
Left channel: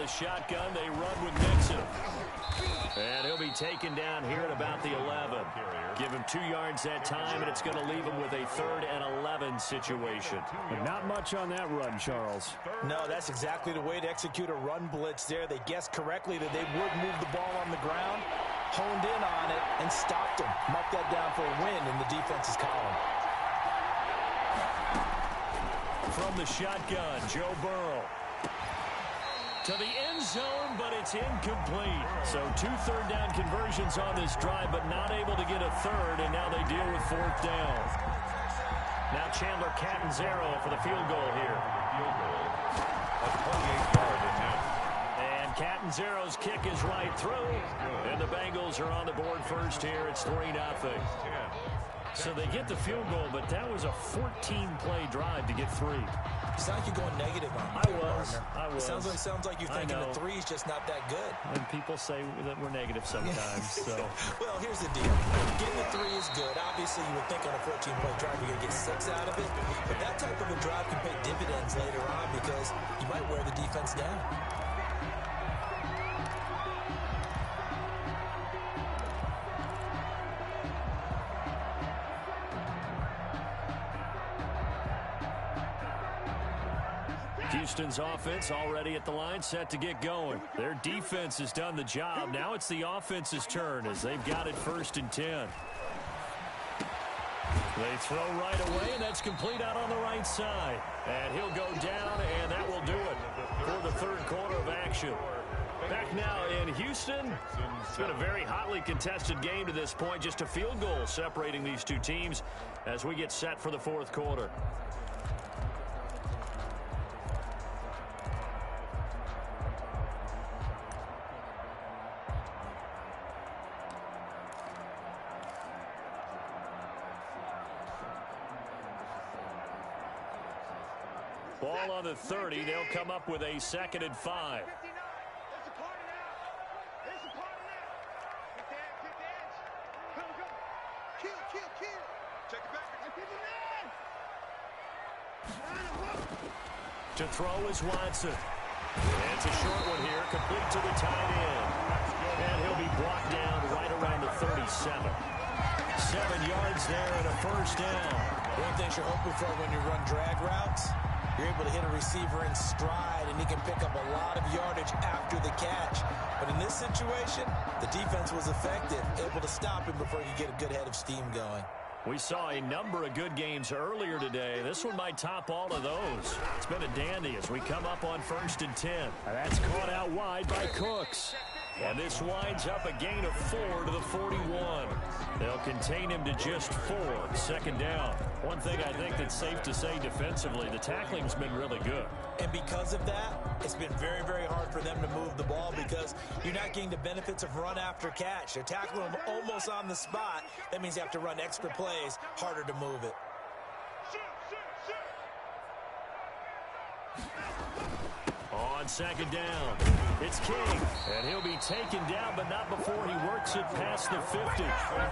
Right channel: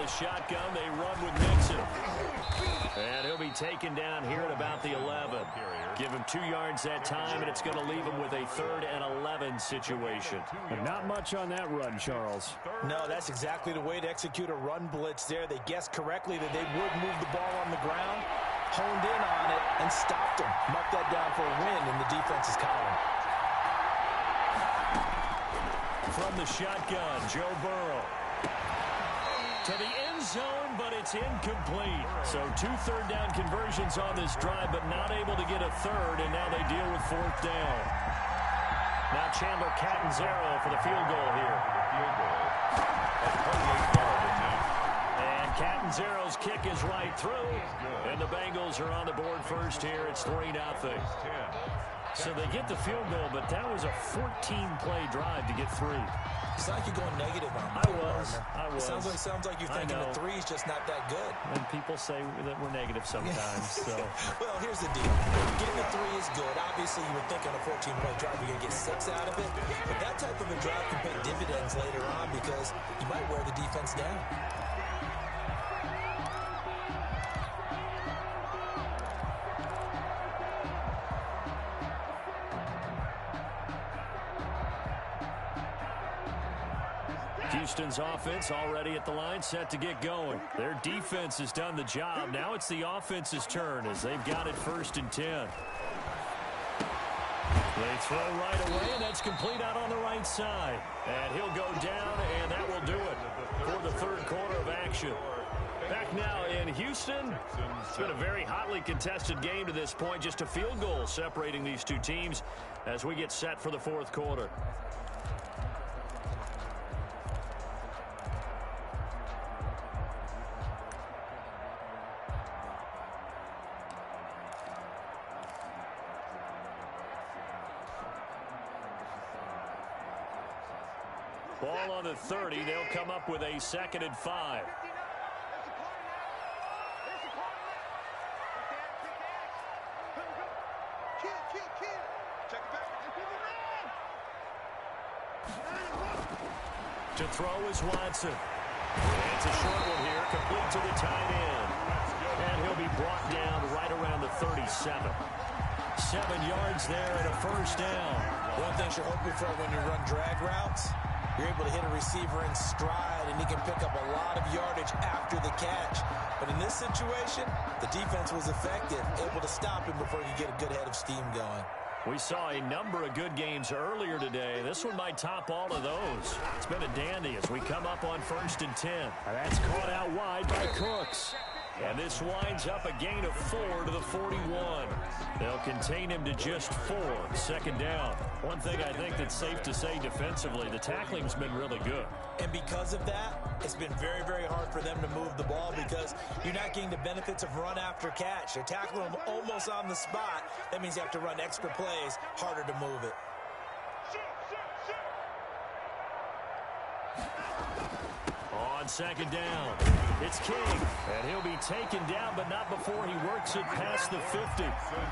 the shotgun. They run with Nixon. And he'll be taken down here at about the 11. Give him 2 yards that time, and it's going to leave him with a 3rd and 11 situation. But not much on that run, Charles. No, that's exactly the way to execute a run blitz there. They guessed correctly that they would move the ball on the ground, honed in on it, and stopped them. Mark that down for a win in the defense's column. From the shotgun, Joe Burrow. To the end zone, but it's incomplete. So 2 third-down conversions on this drive, but not able to get a 3rd, and now they deal with 4th down. Now Chandler Catanzaro for the field goal here. Field goal, a 28-yard attempt. And Catanzaro's kick is right through, and the Bengals are on the board first here. It's 3-0. So they get the field goal, but that was a 14-play drive to get 3. It's not like you're going negative on I was. Sounds like you're thinking the 3's just not that good. And people say that we're negative sometimes. So. Well, here's the deal. Getting a 3 is good. Obviously, you would think on a 14-play drive you're going to get 6 out of it. But that type of a drive can pay dividends later on because you might wear the defense down. Houston's offense already at the line, set to get going. Their defense has done the job. Now it's the offense's turn as they've got it 1st and 10. They throw right away, and that's complete out on the right side. And he'll go down, and that will do it for the 3rd quarter of action. Back now in Houston. It's been a very hotly contested game to this point. Just a field goal separating these 2 teams as we get set for the 4th quarter. Ball on the 30. They'll come up with a 2nd and 5. To throw is Watson. And it's a short one here, complete to the tight end. And he'll be brought down right around the 37. 7 yards there and a 1st down. One thing you're hoping for when you run drag routes, you're able to hit a receiver in stride, and he can pick up a lot of yardage after the catch. But in this situation, the defense was effective, able to stop him before he could get a good head of steam going. We saw a number of good games earlier today. This one might top all of those. It's been a dandy as we come up on 1st and 10. And that's caught out wide by Cooks. And this winds up a gain of 4 to the 41. They'll contain him to just 4. 2nd down. One thing I think that's safe to say defensively, the tackling's been really good. And because of that, it's been very, very hard for them to move the ball because you're not getting the benefits of run after catch. They're tackling them almost on the spot. That means you have to run extra plays, harder to move it. On 2nd down, it's King, and he'll be taken down, but not before he works it past the 50.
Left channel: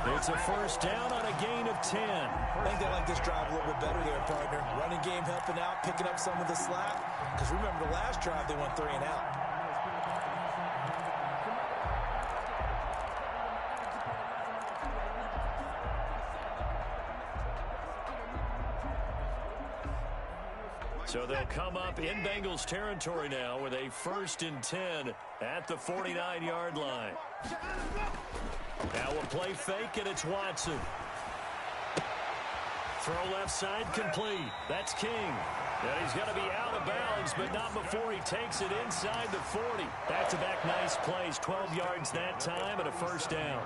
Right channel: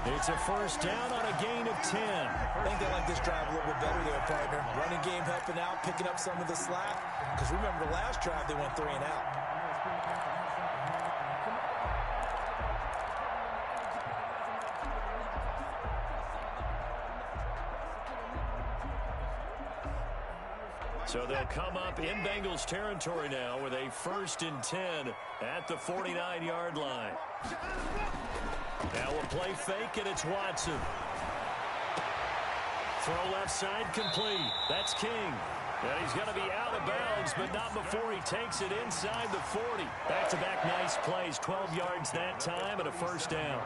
It's a 1st down on a gain of 10. I think they like this drive a little bit better there, partner. Running game helping out, picking up some of the slack. Because remember the last drive, they went 3 and out. So they'll come up in Bengals territory now with a 1st and 10 at the 49-yard line. Now we'll play fake, and it's Watson. Throw left side complete. That's King. And he's going to be out of bounds, but not before he takes it inside the 40. Back-to-back nice plays, 12 yards that time and a 1st down.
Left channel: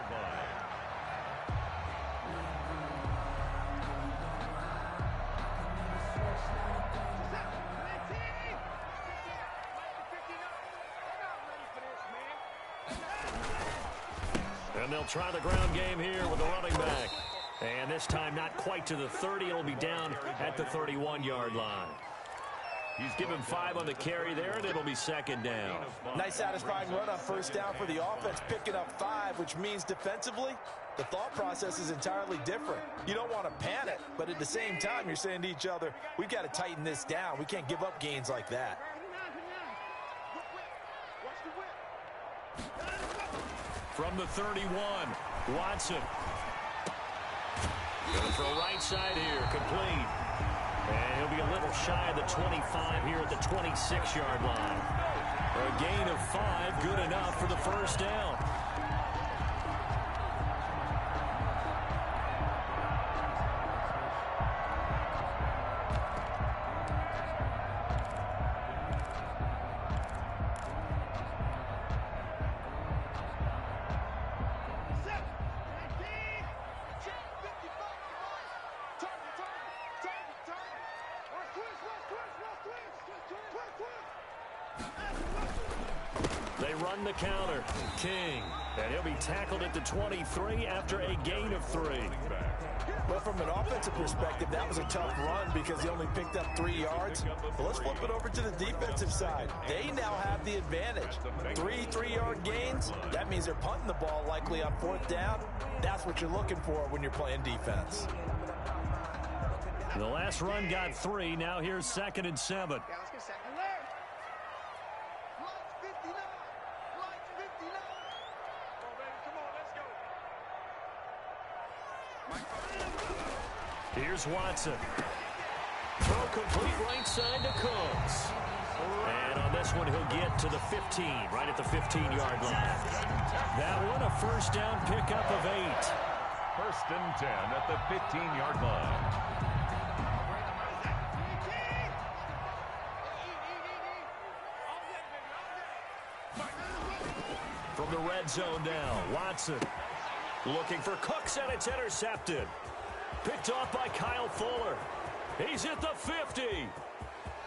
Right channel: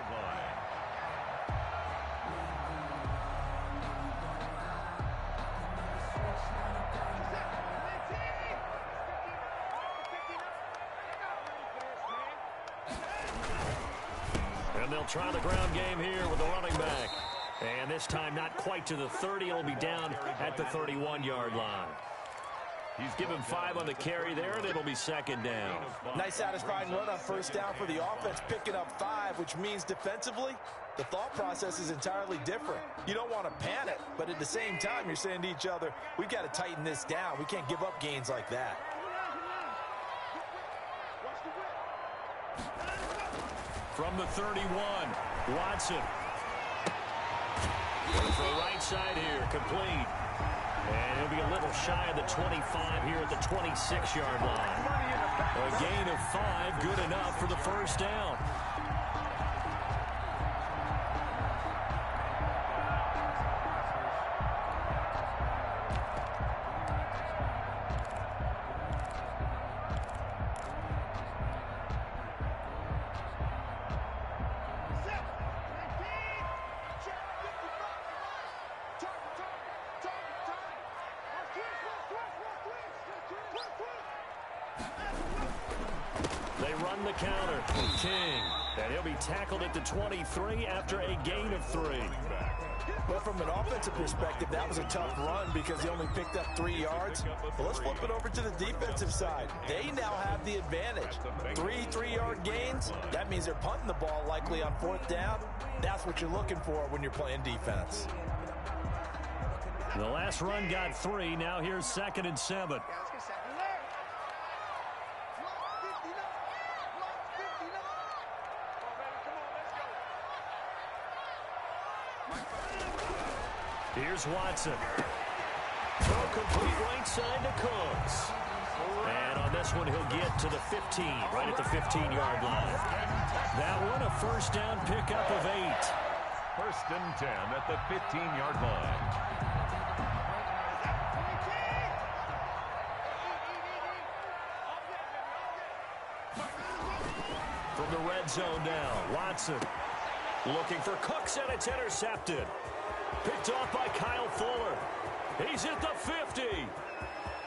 And they'll try the ground game here with the running back. And this time not quite to the 30. It'll be down at the 31-yard line. He's given 5 on the carry there, and it'll be 2nd down. Nice satisfying run on 1st down for the offense, picking up 5, which means defensively, the thought process is entirely different. You don't want to panic, but at the same time, you're saying to each other, we've got to tighten this down. We can't give up gains like that. From the 31, Watson. Going for a right side here, complete. And he'll be a little shy of the 25 here at the 26-yard line. A gain of 5, good enough for the first down. They run the counter. King. And he'll be tackled at the 23 after a gain of 3. Well, from an offensive perspective, that was a tough run because he only picked up 3 yards. Well, let's flip it over to the defensive side. They now have the advantage. 3 3-yard gains. That means they're punting the ball likely on 4th down. That's what you're looking for when you're playing defense. The last run got 3. Now here's 2nd and 7. Here's Watson. Throw complete right side to Cooks. And on this one, he'll get to the 15, right at the 15-yard line. That one, a first down pickup of 8. 1st and 10 at the 15-yard line. From the red zone now, Watson looking for Cooks, and it's intercepted. Picked off by Kyle Fuller. He's at the 50,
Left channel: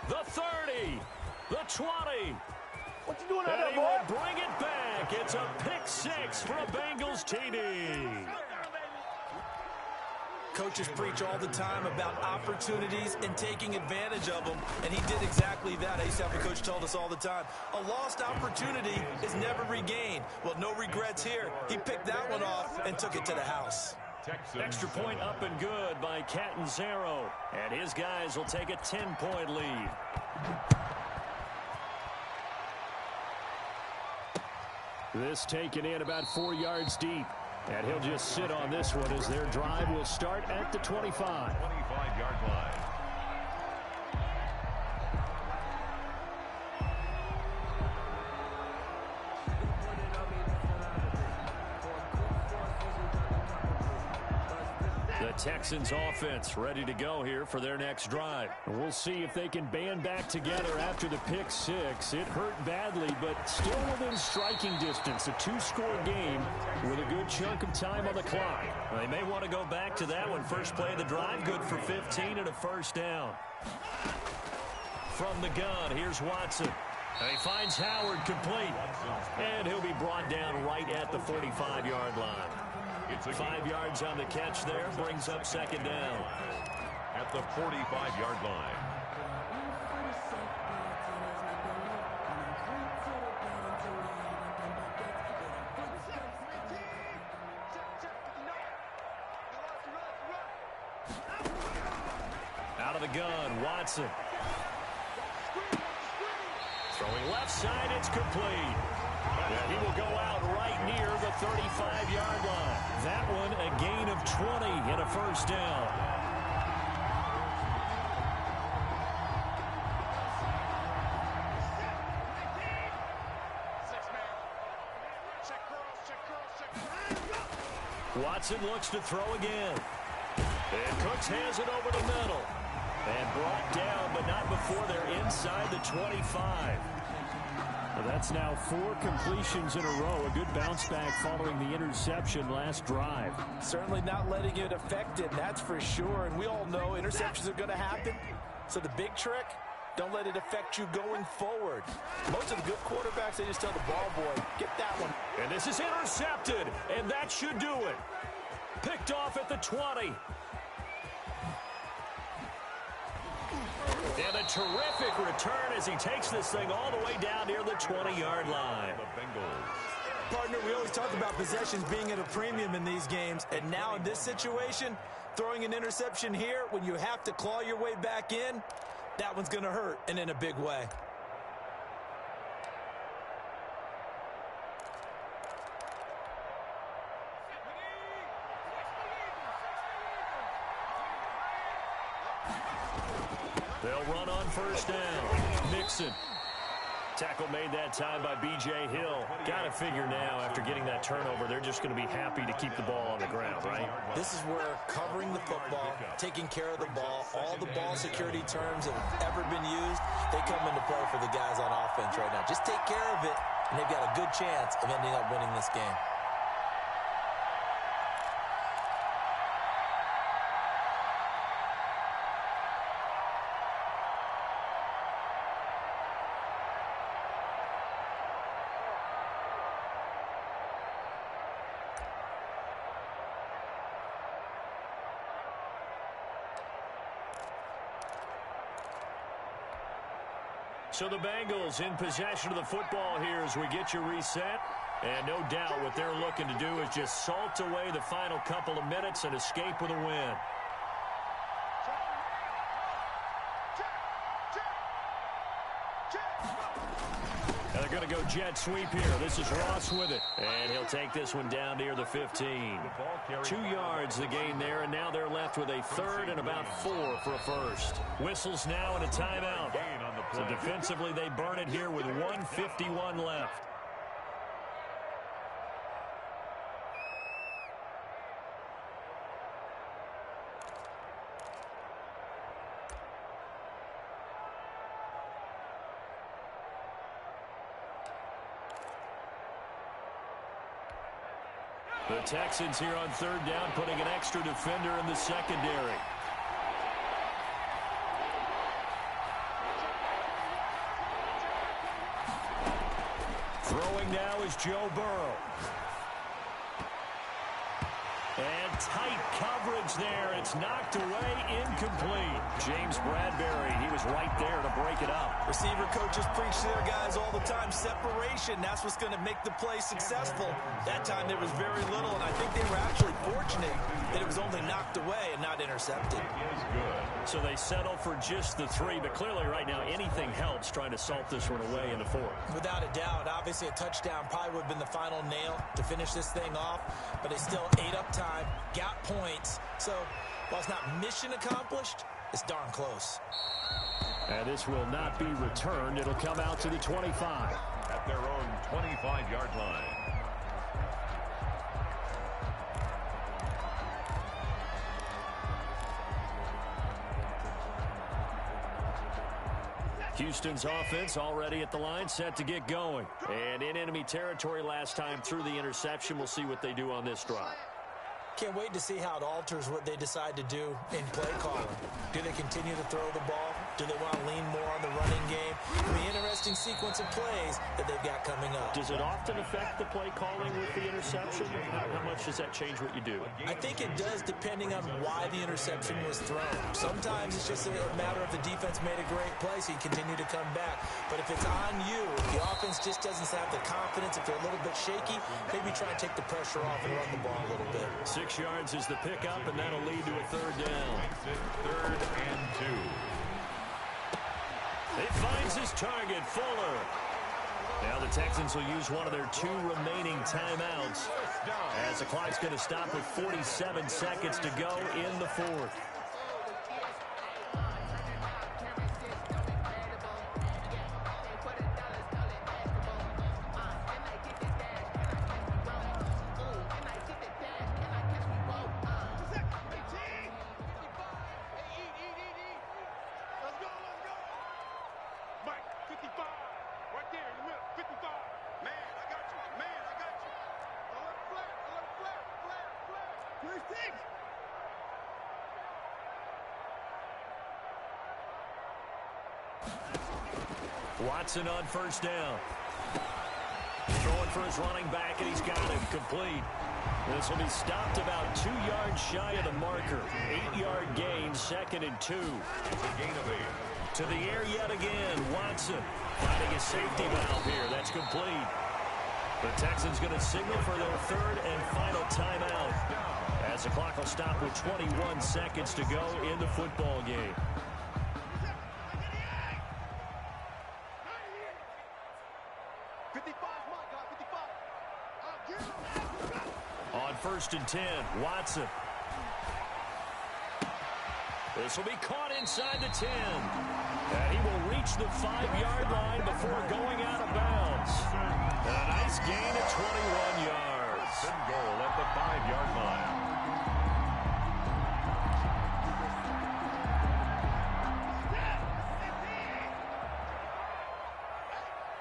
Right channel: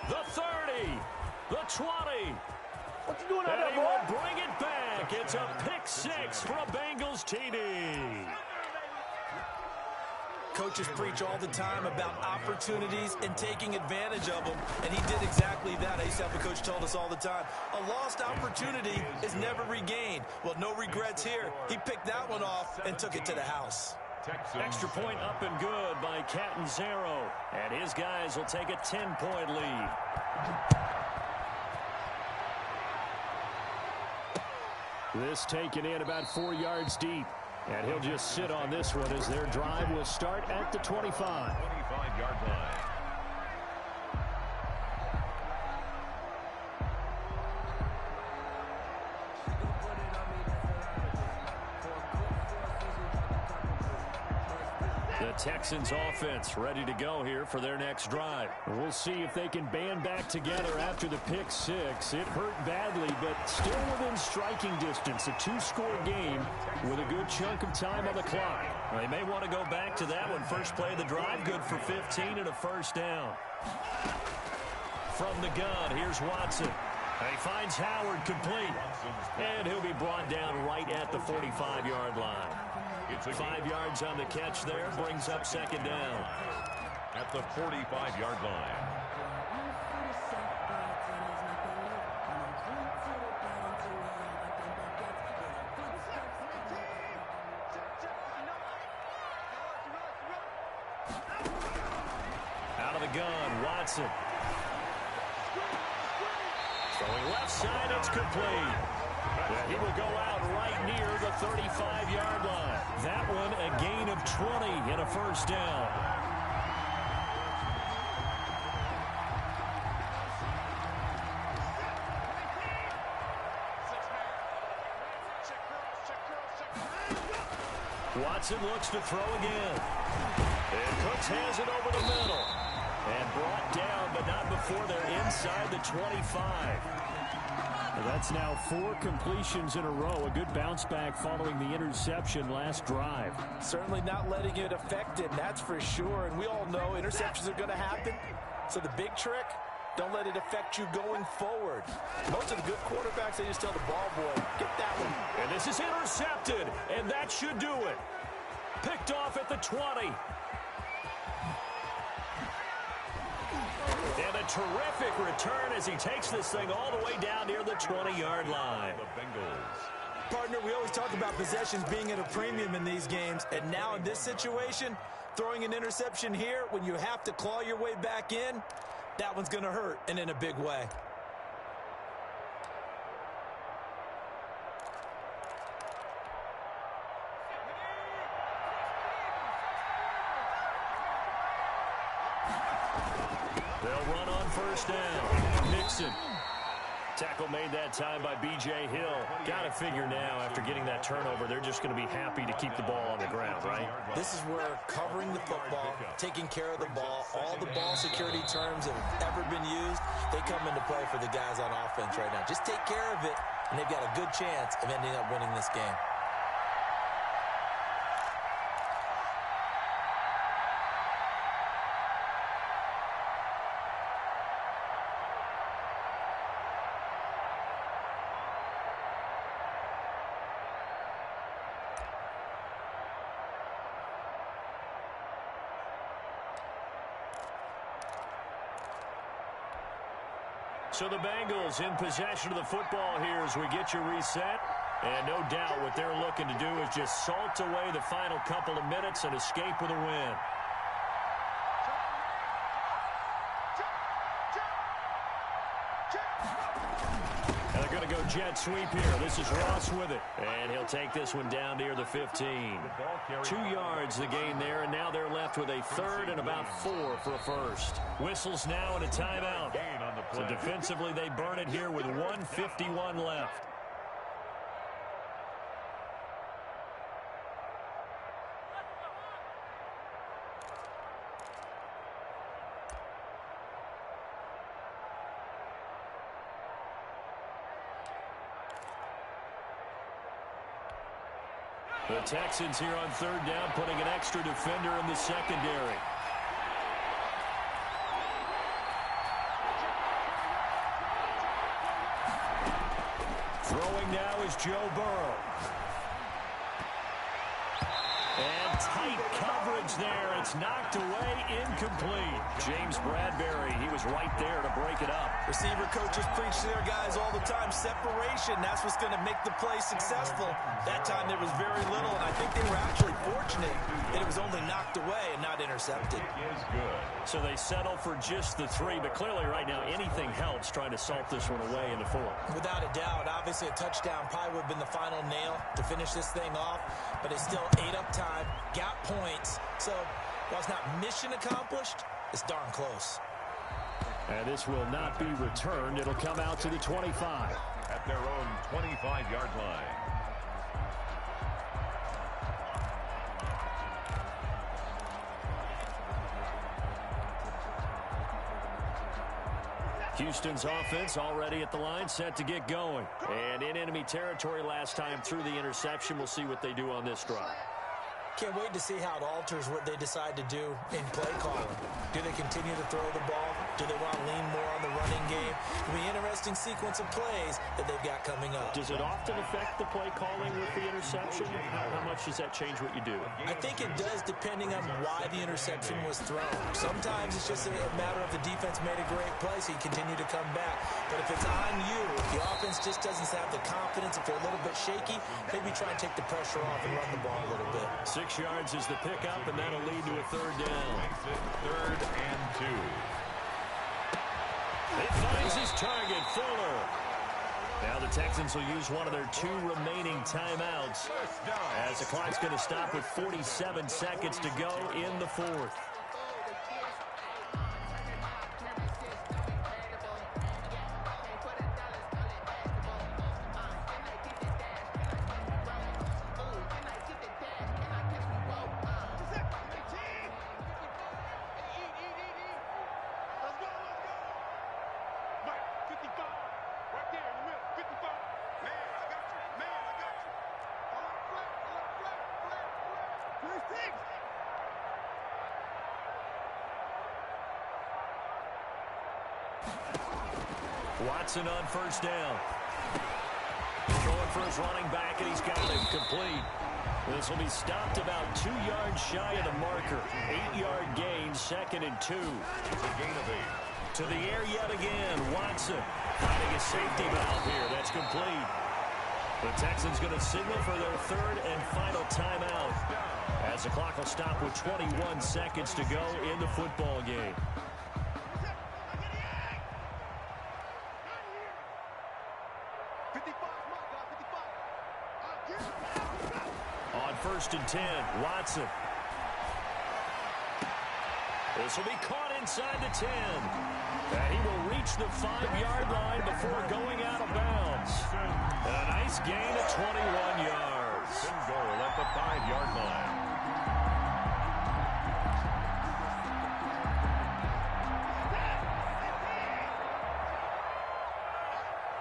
the 30, the 20. What you doing out And there, he boy? will bring it back. It's a pick 6 for a Bengals TD. Coaches preach all the time about opportunities and taking advantage of them, and he did exactly that. I used to have a coach told us all the time, a lost opportunity is never regained. Well, no regrets here. He picked that one off and took it to the house. Extra point up and good by Catanzaro. And his guys will take a 10-point lead. This taken in about 4 yards deep. And he'll just sit on this one as their drive will start at the 25. 25-yard line. The Texans offense ready to go here for their next drive. We'll see if they can band back together after the pick 6. It hurt badly, but still within striking distance. A 2-score game with a good chunk of time on the clock. They may want to go back to that one. First play of the drive, good for 15 and a first down. From the gun, here's Watson. And he finds Howard complete. And he'll be brought down right at the 45-yard line. 5 yards on the catch there, brings up 2nd down. At the 45-yard line. Out of the gun, Watson. Throwing left side, it's complete. And he will go out right near the 35-yard line. That one a gain of 20 and a first down. Watson looks to throw again. And Cooks has it over the middle. And brought down, but not before they're inside the 25. That's now 4 completions in a row. A good bounce back following the interception last drive. Certainly not letting it affect him, that's for sure. And we all know interceptions are going to happen. So the big trick, don't let it affect you going forward. Most of the good quarterbacks, they just tell the ball boy, get that one. And this is intercepted, and that should do it. Picked off at the 20. And a terrific return as he takes this thing all the way down near the 20-yard line. The Bengals. Partner, we always talk about possessions being at a premium in these games. And now in this situation, throwing an interception here when you have to claw your way back in, that one's going to hurt, and in a big way. They'll run on first down. Mixon. Tackle made that time by B.J. Hill. Got to figure now, after getting that turnover, they're just going to be happy to keep the ball on the ground, right? This is where covering the football, taking care of the ball, all the ball security terms that have ever been used, they come into play for the guys on offense right now. Just take care of it, and they've got a good chance of ending up winning this game. So the Bengals in possession of the football here as we get you reset. And no doubt what they're looking to do is just salt away the final couple of minutes and escape with a win. And they're going to go jet sweep here. This is Ross with it. And he'll take this one down near the 15. 2 yards the gain there, and now they're left with a third and about 4 for a first. Whistles now and a timeout. So defensively they burn it here with 1:51 left. The Texans here on third down, putting an extra defender in the secondary. Throwing now is Joe Burrow. And tight coverage there. It's knocked away, incomplete. James Bradbury, he was right there to break it up. Receiver coaches preach to their guys all the time. Separation, that's what's going to make the play successful. That time there was very little, and I think they were actually fortunate that it was only knocked away and not intercepted. It is good. So they settle for just the 3, but clearly right now anything helps trying to salt this one away in the 4th. Without a doubt, obviously a touchdown probably would have been the final nail to finish this thing off, but they still ate up time. Got points, so while it's not mission accomplished, it's darn close. And this will not be returned. It'll come out to the 25. At their own 25-yard line. Houston's offense already at the line, set to get going. And in enemy territory last time through the interception. We'll see what they do on this drive. Can't wait to see how it alters what they decide to do in play calling. Do they continue to throw the ball? Do they want to lean more on the running game? It'll be an interesting sequence of plays that they've got coming up. Does it often affect the play calling with the interception? How much does that change what you do? I think it does, depending on why the interception was thrown. Sometimes it's just a matter of the defense made a great play, so you continue to come back. But if it's on you, if the offense just doesn't have the confidence, if they're a little bit shaky, maybe try and take the pressure off and run the ball a little bit. 6 yards is the pickup, and that'll lead to a third down. Makes it 3rd and 2. He finds his target, Fuller. Now the Texans will use one of their 2 remaining timeouts as the clock's going to stop with 47 seconds to go in the 4th. Watson on first down. Throwing for his running back, and he's got him complete. This will be stopped about 2 yards shy of the marker. 8-yard gain, 2nd and 2. It's a gain of 8. To the air yet again. Watson finding a safety valve here. That's complete. The Texans going to signal for their 3rd and final timeout as the clock will stop with 21 seconds to go in the football game. On 1st and 10, Watson. This will be caught inside the 10. And he will reach the 5-yard line before going out of bounds. And a nice gain of 21 yards. And goal at the 5-yard line.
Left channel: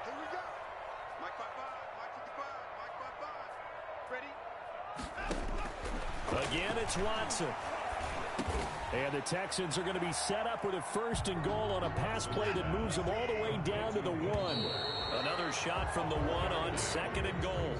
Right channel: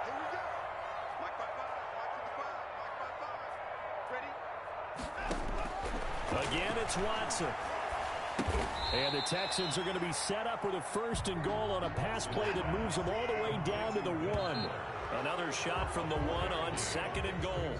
Here we go. Mike 5-5, Mike 55, Mike 5-5. Ready? Again, it's Watson. And the Texans are going to be set up with a 1st and goal on a pass play that moves them all the way down to the 1. Another shot from the 1 on 2nd and goal.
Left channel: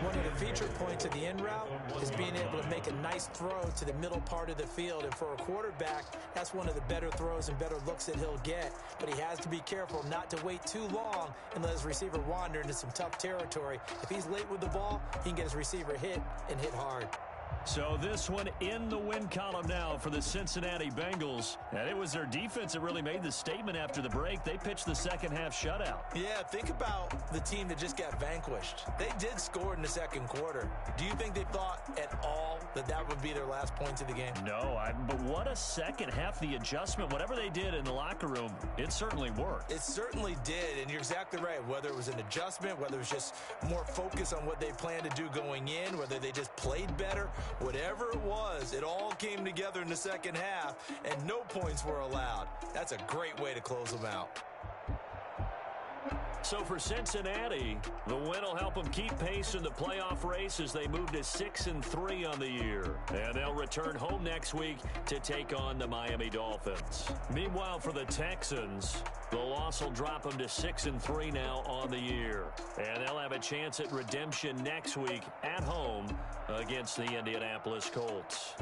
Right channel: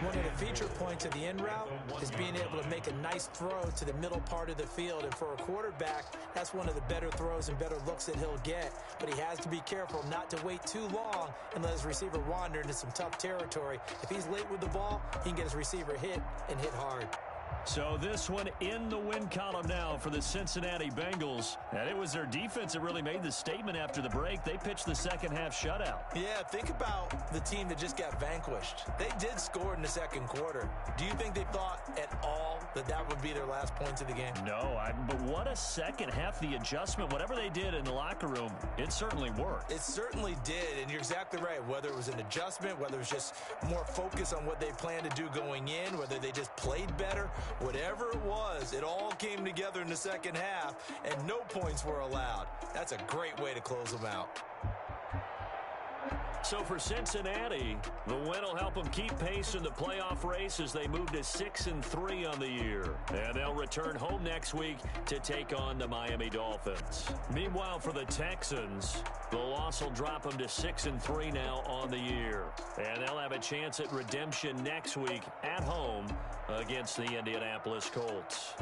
One of the feature points of the in route is being able to make a nice throw to the middle part of the field. And for a quarterback, that's one of the better throws and better looks that he'll get. But he has to be careful not to wait too long and let his receiver wander into some tough territory. If he's late with the ball, he can get his receiver hit and hit hard. So this one in the win column now for the Cincinnati Bengals. And it was their defense that really made the statement after the break. They pitched the second half shutout. Yeah, think about the team that just got vanquished. They did score in the second quarter. Do you think they thought at all that that would be their last points of the game? No, but what a second half. The adjustment, whatever they did in the locker room, it certainly worked. It certainly did, and you're exactly right. Whether it was an adjustment, whether it was just more focus on what they planned to do going in, whether they just played better, whatever it was, it all came together in the second half, and no points were allowed. That's a great way to close them out. So for Cincinnati, the win will help them keep pace in the playoff race as they move to 6-3 on the year. And they'll return home next week to take on the Miami Dolphins. Meanwhile, for the Texans, the loss will drop them to 6-3 now on the year. And they'll have a chance at redemption next week at home against the Indianapolis Colts.